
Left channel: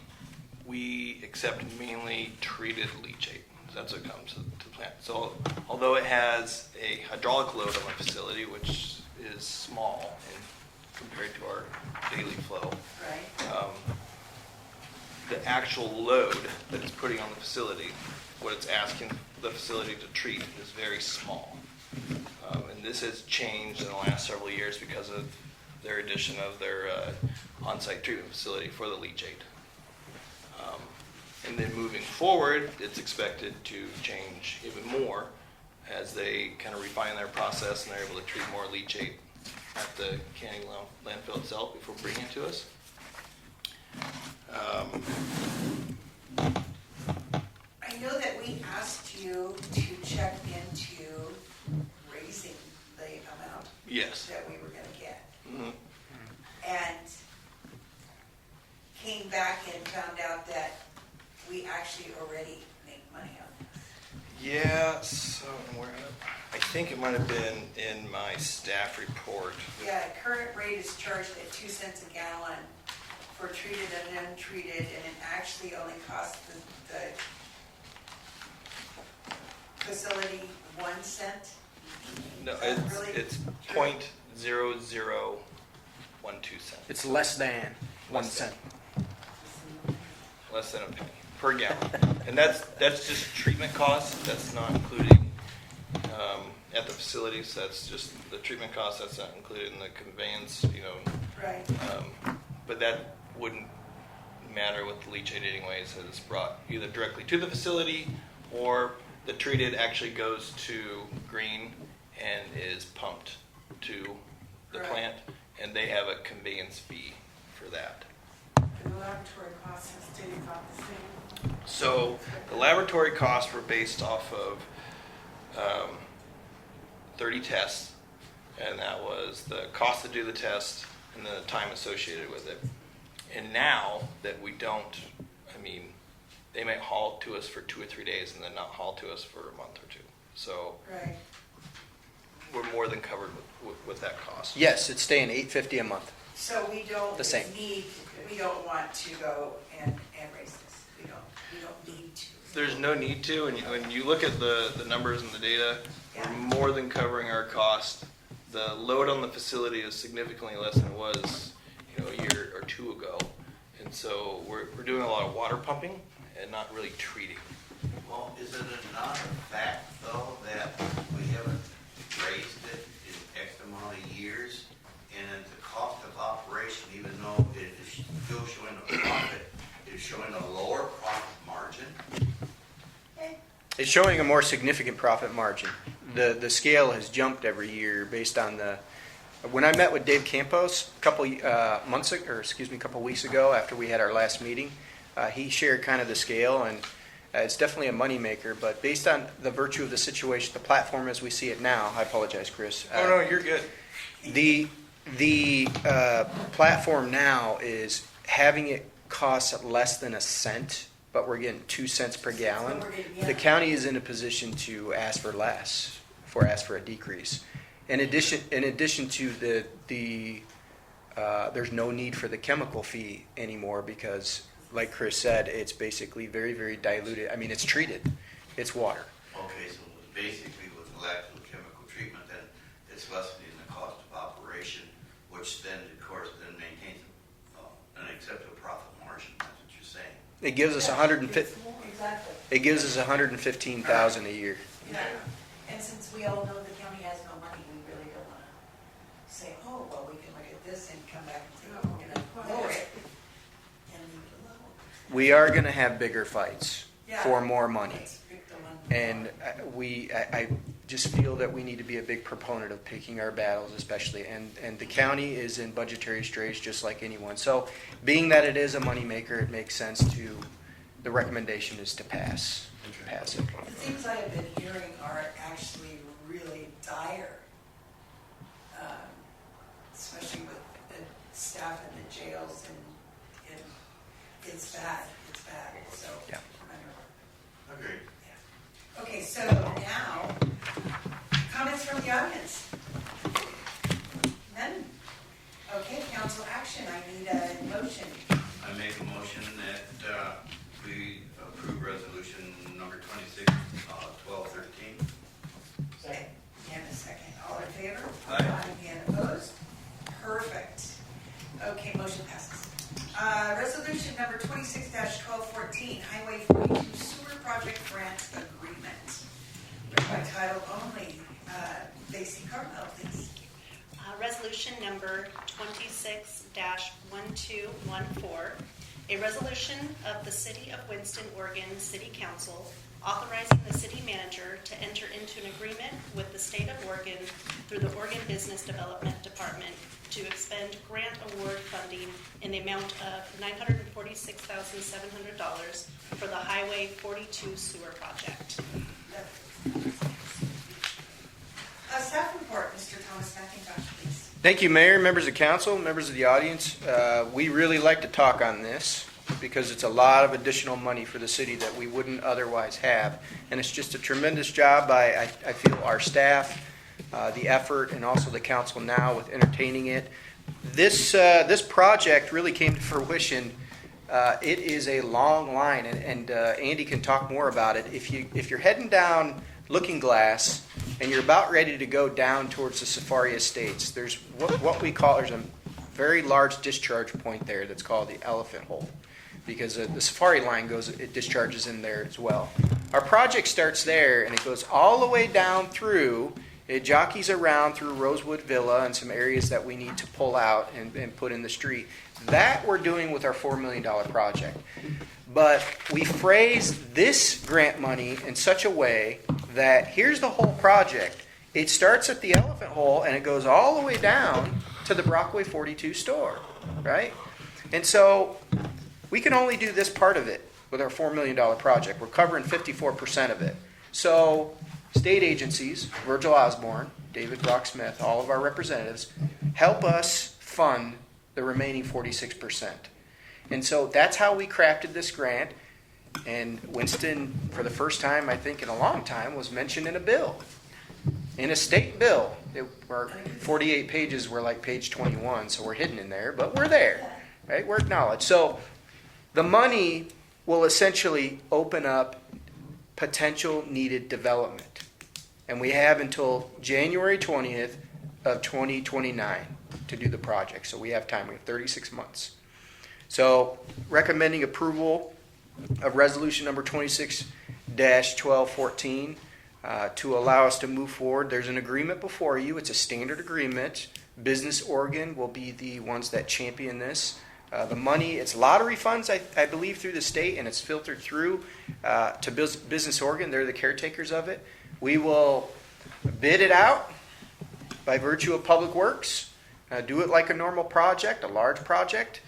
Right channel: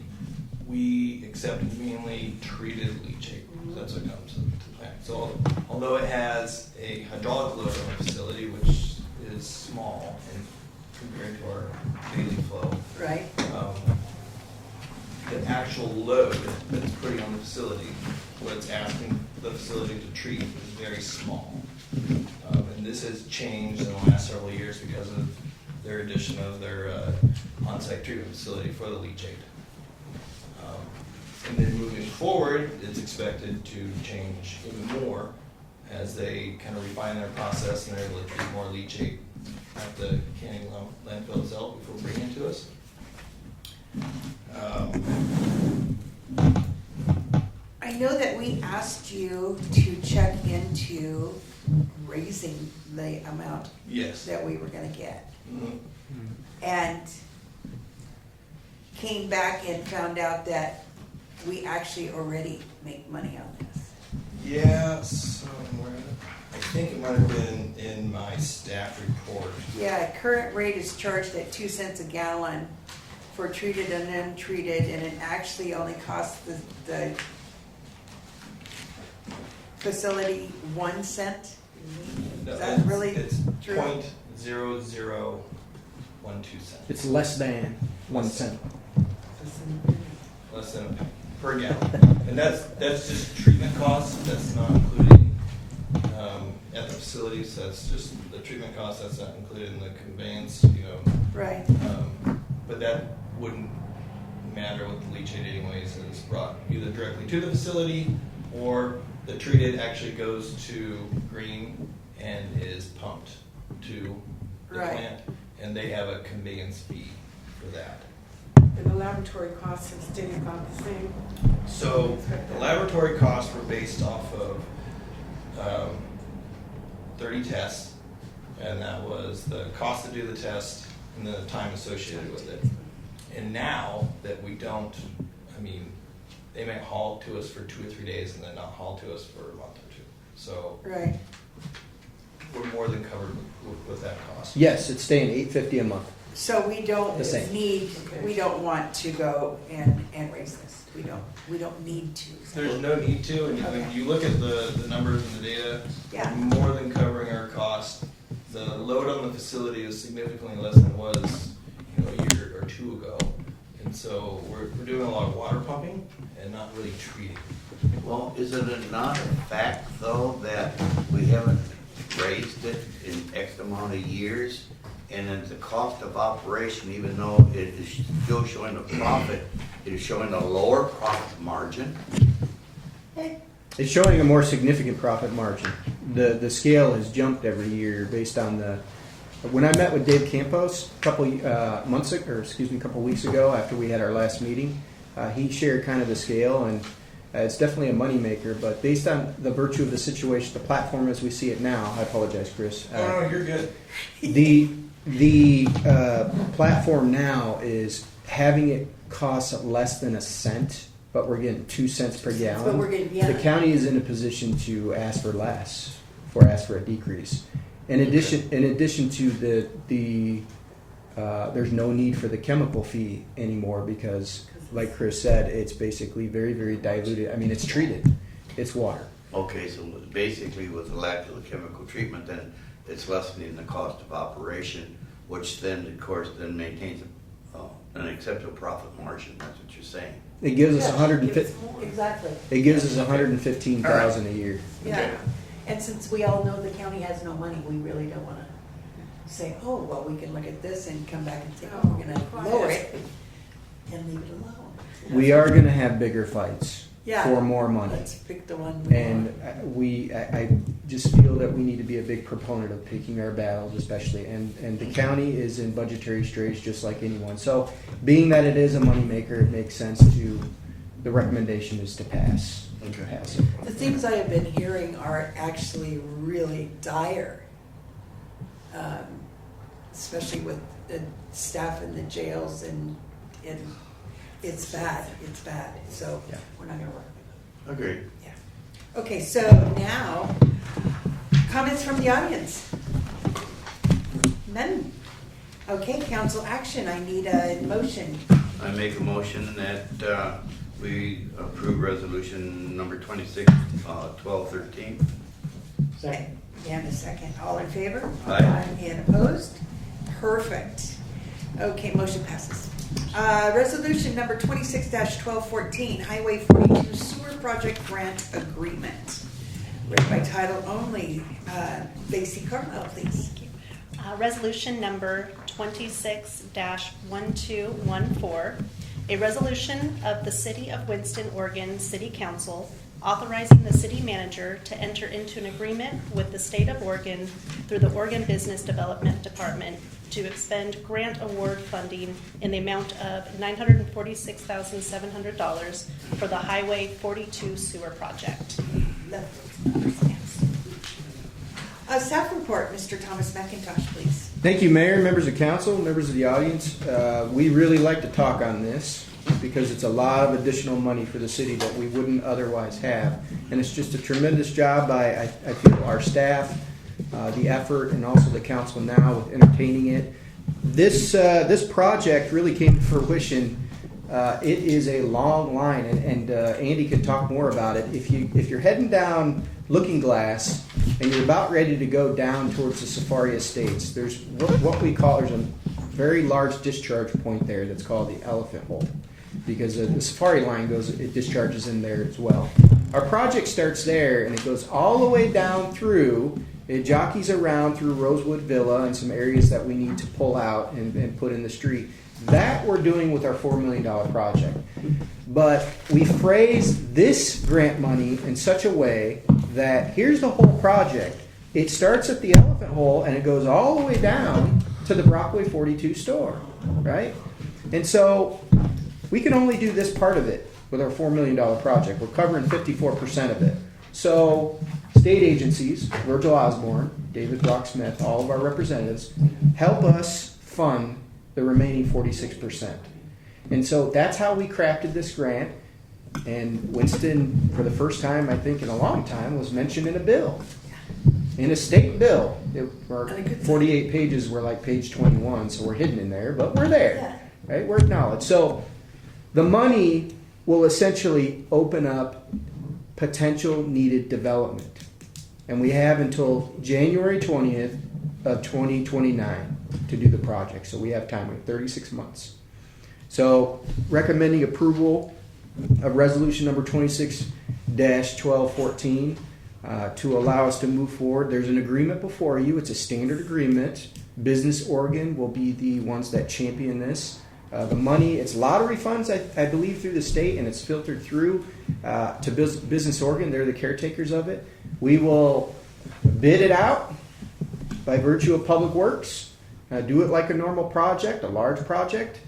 we accept mainly treated leachate. That's what comes to the plant. So although it has a hydraulic load on the facility, which is small compared to our daily flow, Right. the actual load that it's putting on the facility, what it's asking the facility to treat, is very small. And this has changed in the last several years because of their addition of their on-site treatment facility for the leachate. And then moving forward, it's expected to change even more as they kind of refine their process and they're able to treat more leachate at the Canning landfill itself before bringing it to us. I know that we asked you to check into raising the amount Yes. that we were gonna get. Mhm. And came back and found out that we actually already make money on this. Yeah, so I think it might have been in my staff report. Yeah, current rate is charged at 2 cents a gallon for treated and untreated, and it actually only costs the facility 1 cent. No, Is that really it's true? 0.0012 cents. It's less than 1 cent. Less than a penny per gallon. And that's just treatment costs. That's not including at the facilities. That's just the treatment costs. That's not included in the conveyance, Right. But that wouldn't matter with the leachate anyways. It's brought either directly to the facility or the treated actually goes to Green and is pumped to the Right. plant, and they have a conveyance fee for that. And the laboratory costs have stayed about the same. So the laboratory costs were based off of 30 tests, and that was the cost to do the test and the time associated with it. And now that we don't, they may haul to us for 2 or 3 days and then not haul to us for a month or 2. So Right. we're more than covered with that cost. Yes, it's staying $8.50 a month. So we don't The same. we don't want to go and raise this. We don't need to. There's no need to, and when you look at the numbers and the data, Yeah. we're more than covering our cost. The load on the facility is significantly less than it was, a year or 2 ago, and so we're doing a lot of water pumping and not really treating. Well, is it not a fact, though, that we haven't raised it in X amount of years? And then the cost of operation, even though it is still showing a profit, it is showing a lower profit margin? It's showing a more significant profit margin. The scale has jumped every year based on the. When I met with Dave Campos a couple weeks ago after we had our last meeting, he shared kind of the scale, and it's definitely a moneymaker. But based on the virtue of the situation, the platform as we see it now, I apologize, Chris. Oh no, you're good. The platform now is having it cost less than 1 cent, but we're getting 2 cents per gallon. we're getting, yeah. The county is in a position to ask for less, ask for a decrease. In addition to there's no need for the chemical fee anymore because, like Chris said, it's basically very, very diluted. It's treated. It's water. Okay, so basically with the lack of the chemical treatment, then it's lessening the cost of operation, which then, of course, then maintains an acceptable profit margin. That's what you're saying. It gives us Yeah, 150. Exactly. It gives us 115,000 a year. Yeah. And since we all know the county has no money, we really don't want to say, oh, well, we can look at this and come back and say, oh, we're going to lower it and leave it alone. We are going to have bigger fights Yeah. for more money. Let's pick the one. we And want. I just feel that we need to be a big proponent of picking our battles, especially. And the county is in budgetary straits just like anyone. So being that it is a moneymaker, it makes sense the recommendation is to pass it. The things I have been hearing are actually really dire, especially with the staff in the jails, and it's bad. It's bad. So Yeah. we're not going to work. Agreed. Yeah. Okay, so now comments from the audience. None. Okay, council action. I need a motion. I make a motion that we approve resolution number 1213. Second. And a second. All in favor? Aye. And opposed? Perfect. Okay, motion passes. Resolution number 26-1214, Highway 42 Sewer Project Grant Agreement. Read by title only. Lacey Carmel, please. Resolution number 26-1214, a resolution of the City of Winston, Oregon City Council authorizing the city manager to enter into an agreement with the state of Oregon through the Oregon Business Development Department to expend grant award funding in the amount of $946,700 for the Highway 42 sewer project. Staff report, Mr. Thomas McIntosh, please. Thank you, Mayor, members of council, members of the audience. We really like to talk on this because it's a lot of additional money for the city that we wouldn't otherwise have. And it's just a tremendous job by, I feel, our staff, the effort, and also the council now with entertaining it. This project really came to fruition. It is a long line, and Andy can talk more about it. If you're heading down Looking Glass and you're about ready to go down towards the Safari Estates, there's what we call, there's a very large discharge point there that's called the Elephant Hole, because the Safari line it discharges in there as well. Our project starts there and it goes all the way down through. It jockeys around through Rosewood Villa and some areas that we need to pull out and put in the street. That we're doing with our $4 million project. But we phrased this grant money in such a way that here's the whole project. It starts at the Elephant Hole and it goes all the way down to the Brockway 42 store, right? And so we can only do this part of it with our $4 million project. We're covering 54% of it. So state agencies, Virgil Osborne, David Brock Smith, all of our representatives, help us fund the remaining 46%. And so that's how we crafted this grant. And Winston, for the first time, I think in a long time, was mentioned in a bill. In a state bill. Our 48 pages were like page 21, so we're hidden in there, but we're there, right? We're acknowledged. So the money will essentially open up potential needed development. And we have until January 20th of 2029 to do the project. So we have time. We have 36 months. So recommending approval of resolution number 26-1214 to allow us to move forward. There's an agreement before you. It's a standard agreement. Business Oregon will be the ones that champion this. The money, it's lottery funds, I believe, through the state, and it's filtered through to Business Oregon. They're the caretakers of it. We will bid it out by virtue of Public Works. Do it like a normal project, a large project.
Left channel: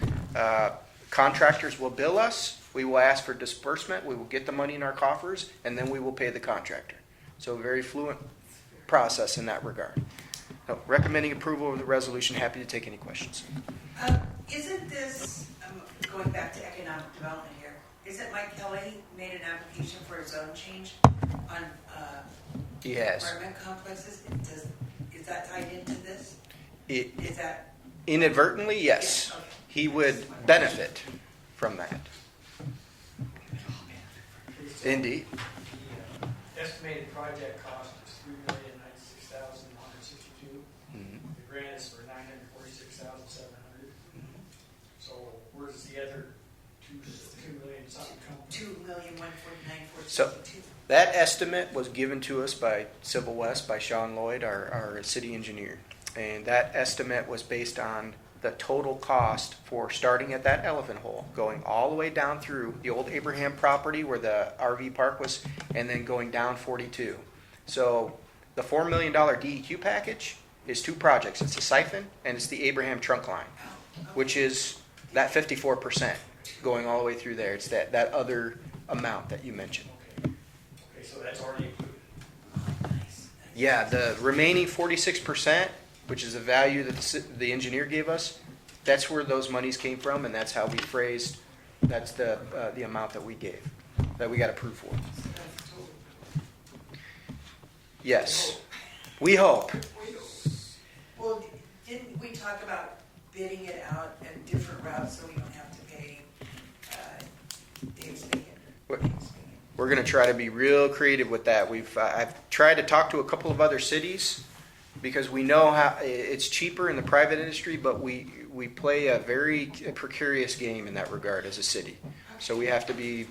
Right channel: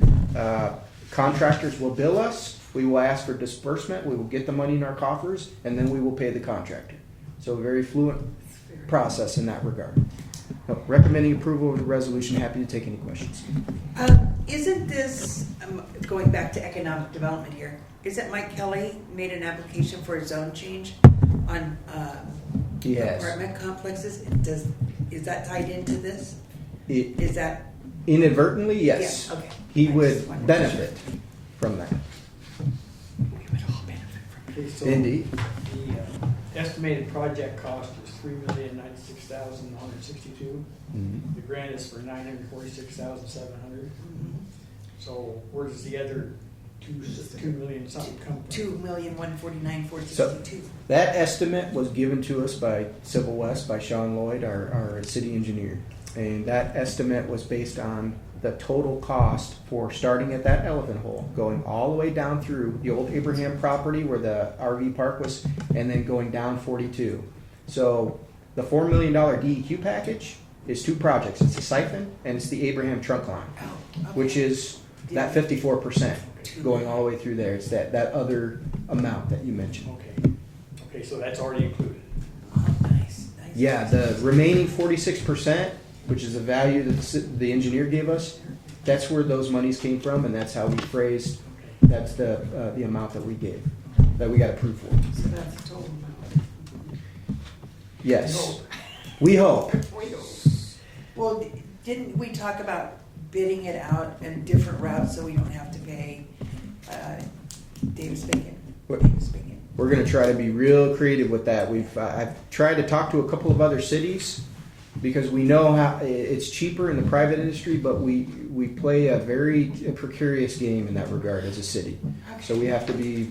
Contractors will bill us. We will ask for disbursement. We will get the money in our coffers, and then we will pay the contractor. So a very fluent process in that regard. So, recommending approval of the resolution. Happy to take any questions. Isn't this, going back to economic development here, isn't Mike Kelly made an application for a zone change on He has. apartment complexes? Is that tied into this? It, Is that? inadvertently, yes. Yeah, okay. He would benefit from that. Okay, so Indeed. The estimated project cost is $3,096,162. Mm-hmm. The grant is for $946,700. So where does the other $2 million something come from? 2,149,462. That estimate was given to us by Civil West, by Sean Lloyd, our city engineer. And that estimate was based on the total cost for starting at that Elephant Hole, going all the way down through the old Abraham property where the RV park was, and then going down 42. So the $4 million DEQ package is two projects. It's the siphon and it's the Abraham trunk line, which is that 54% going all the way through there. It's that other amount that you mentioned. Okay, so that's already included. Nice. Yeah, the remaining 46%, which is the value that the engineer gave us, that's where those monies came from, and that's how we phrased, that's the amount that we gave, that we got approved for. So that's the total amount. Yes. We hope. Well, didn't we talk about bidding it out in different routes so we don't have to pay Davis-Bacon? What? We're going to try to be real creative with that. I've tried to talk to a couple of other cities because we know how it's cheaper in the private industry, but we play a very precarious game in that regard as a city. So we have to be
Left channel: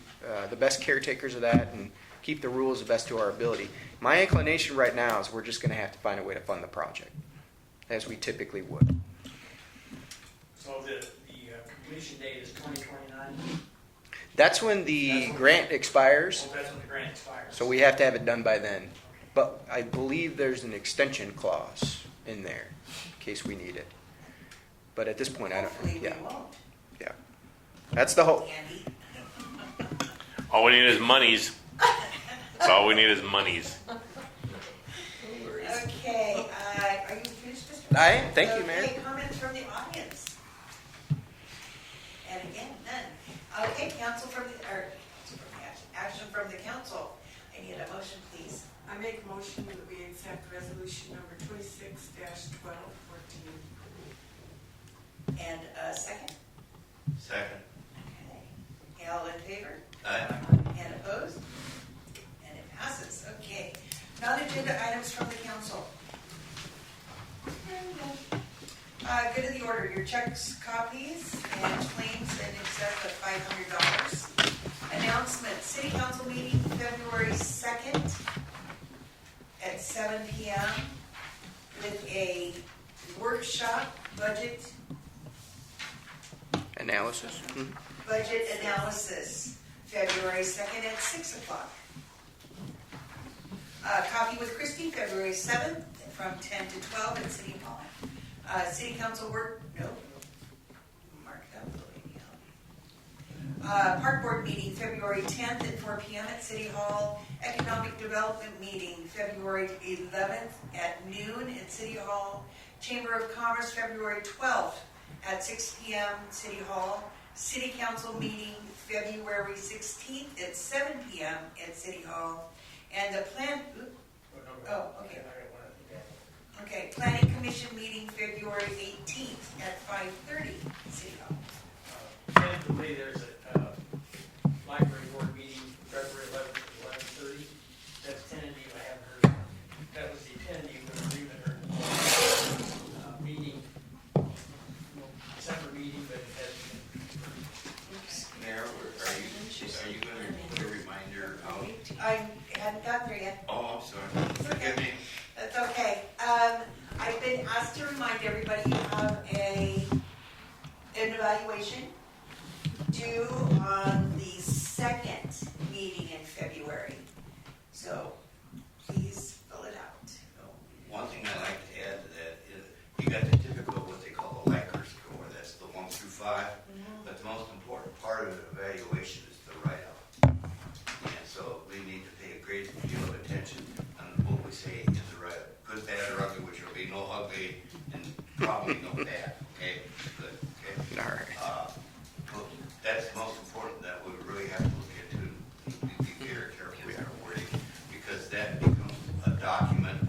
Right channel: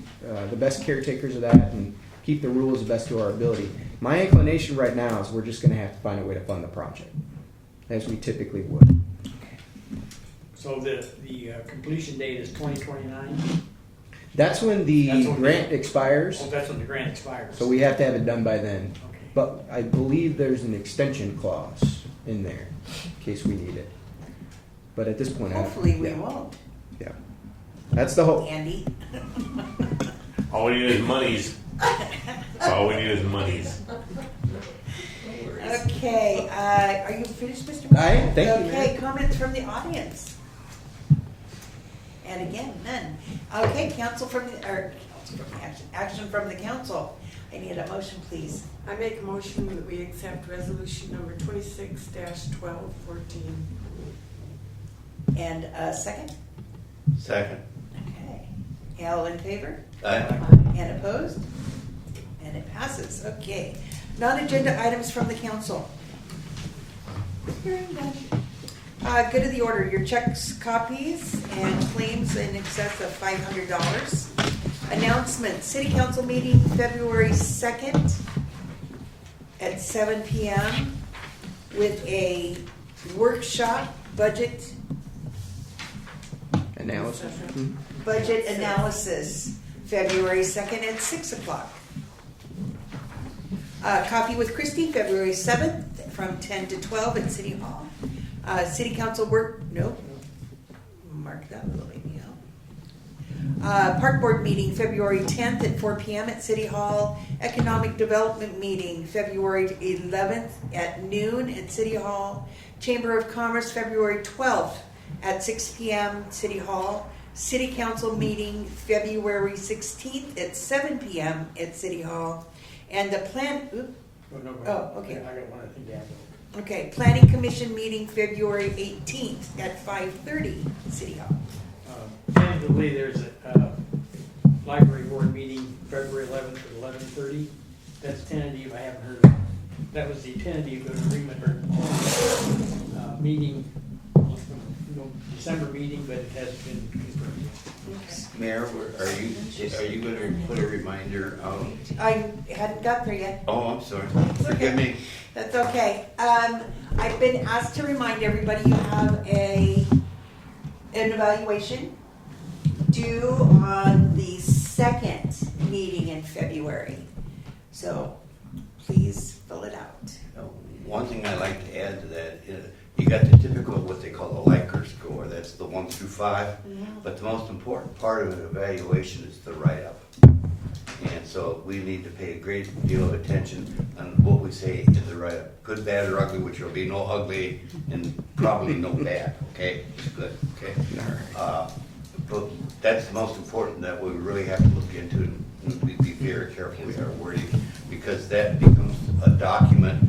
the best caretakers of that and keep the rules the best to our ability. My inclination right now is we're just going to have to find a way to fund the project, as we typically would. So the completion date is 2029? That's when the That's when grant expires, Oh, that's when the grant expires. so we have to have it done by then. Okay. But I believe there's an extension clause in there in case we need it. But at this point, I don't. Hopefully we Yeah, won't, yeah. That's the hope. Andy. All we need is monies. That's all we need is monies. Okay, are you finished, Mr. I am. Thank you, Okay, Mayor. comments from the audience? And again, none. Okay, action from the council. I need a motion, please. I make a motion that we accept resolution number 26-1214. And a second? Second. Okay. All in favor? Aye. And opposed? And it passes, okay. Non-agenda items from the council. Good of the order, your checks, copies, and claims in excess of $500. Announcement, city council meeting February 2nd at 7 p.m. with a workshop budget Analysis. Hmm. Budget analysis, February 2nd at 6 o'clock. Coffee with Christie, February 7th from 10 to 12 at City Hall. City Council work, nope. Mark that little email. Park Board meeting, February 10th at 4 p.m. at City Hall. Economic Development meeting, February 11th at noon at City Hall. Chamber of Commerce, February 12th at 6 p.m. City Hall. City Council meeting February 16th at 7 p.m. at City Hall. And the plan, Oh, okay. I got one other thing to add. okay, Planning Commission meeting February 18th at 5:30 City Hall. Tentatively, there's a library board meeting February 11th at 11:30. That's tentative, I haven't heard of it. That was the tentative agreement or meeting, December meeting, but it has been confirmed. Mayor, are you going to put a reminder out? I hadn't got there yet. Oh, I'm sorry. Forgive me. That's okay. I've been asked to remind everybody you have an evaluation due on the second meeting in February. So please fill it out. One thing I'd like to add to that is you got the typical what they call the Likert score. That's the 1 through 5. But the most important part of an evaluation is the write-up. And so we need to pay a great deal of attention on what we say is the write-up. Good, bad, or ugly, which will be no ugly and probably no bad. Okay? Good. Okay? All right. But that's the most important that we really have to look into and we be very careful with our wording because that becomes a document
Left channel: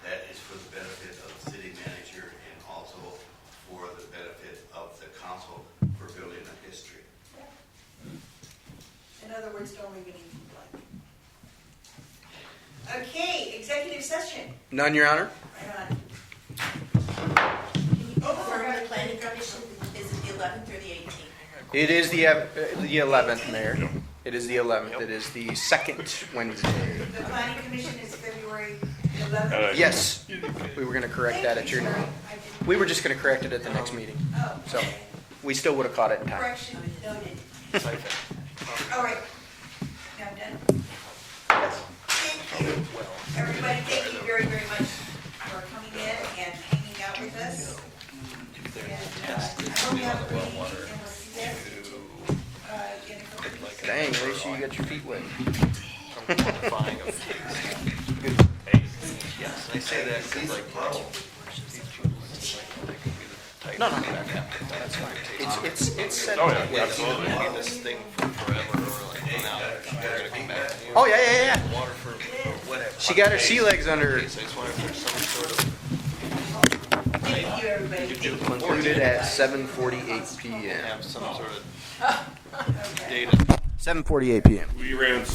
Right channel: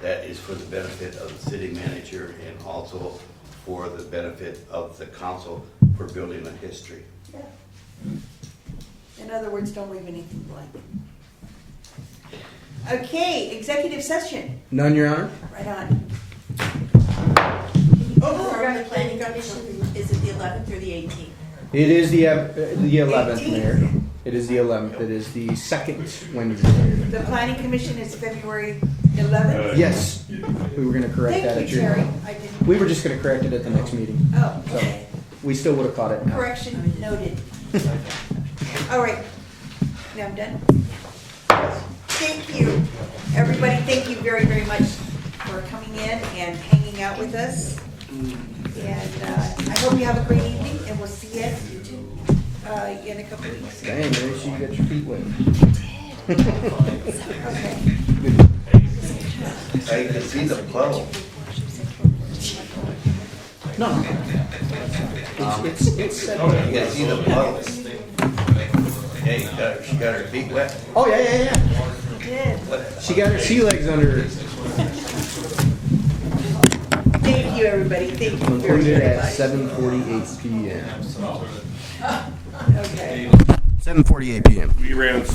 that is for the benefit of the city manager and also for the benefit of the council for building a history. In other words, don't leave anything blank. Okay, executive session. None, Your Honor. Right on. For the planning commission, is it the 11th or the 18th? It is the 11th, Mayor. It is the 11th. It is the second Wednesday. The planning commission is February 11th. Yes, we were going to correct that Thank at you, your. Terry. I didn't. We were just going to correct it at the next meeting. Oh, So okay. we still would have caught it in time. Correction noted. All right. Now I'm done. Thank you. Everybody, thank you very, very much for coming in and hanging out with us. And I hope you have a great evening, and we'll see you in a couple of weeks. Dang, make sure you got your feet wet. I can see the puddle. No. It's set. Yeah, see the puddle. Yeah, she got her feet wet. Oh yeah. She got her sea legs under her. Thank you, everybody. Thank you. Concluded at 7:48 p.m. Have some sort of Okay. data 7:48 p.m. We ran so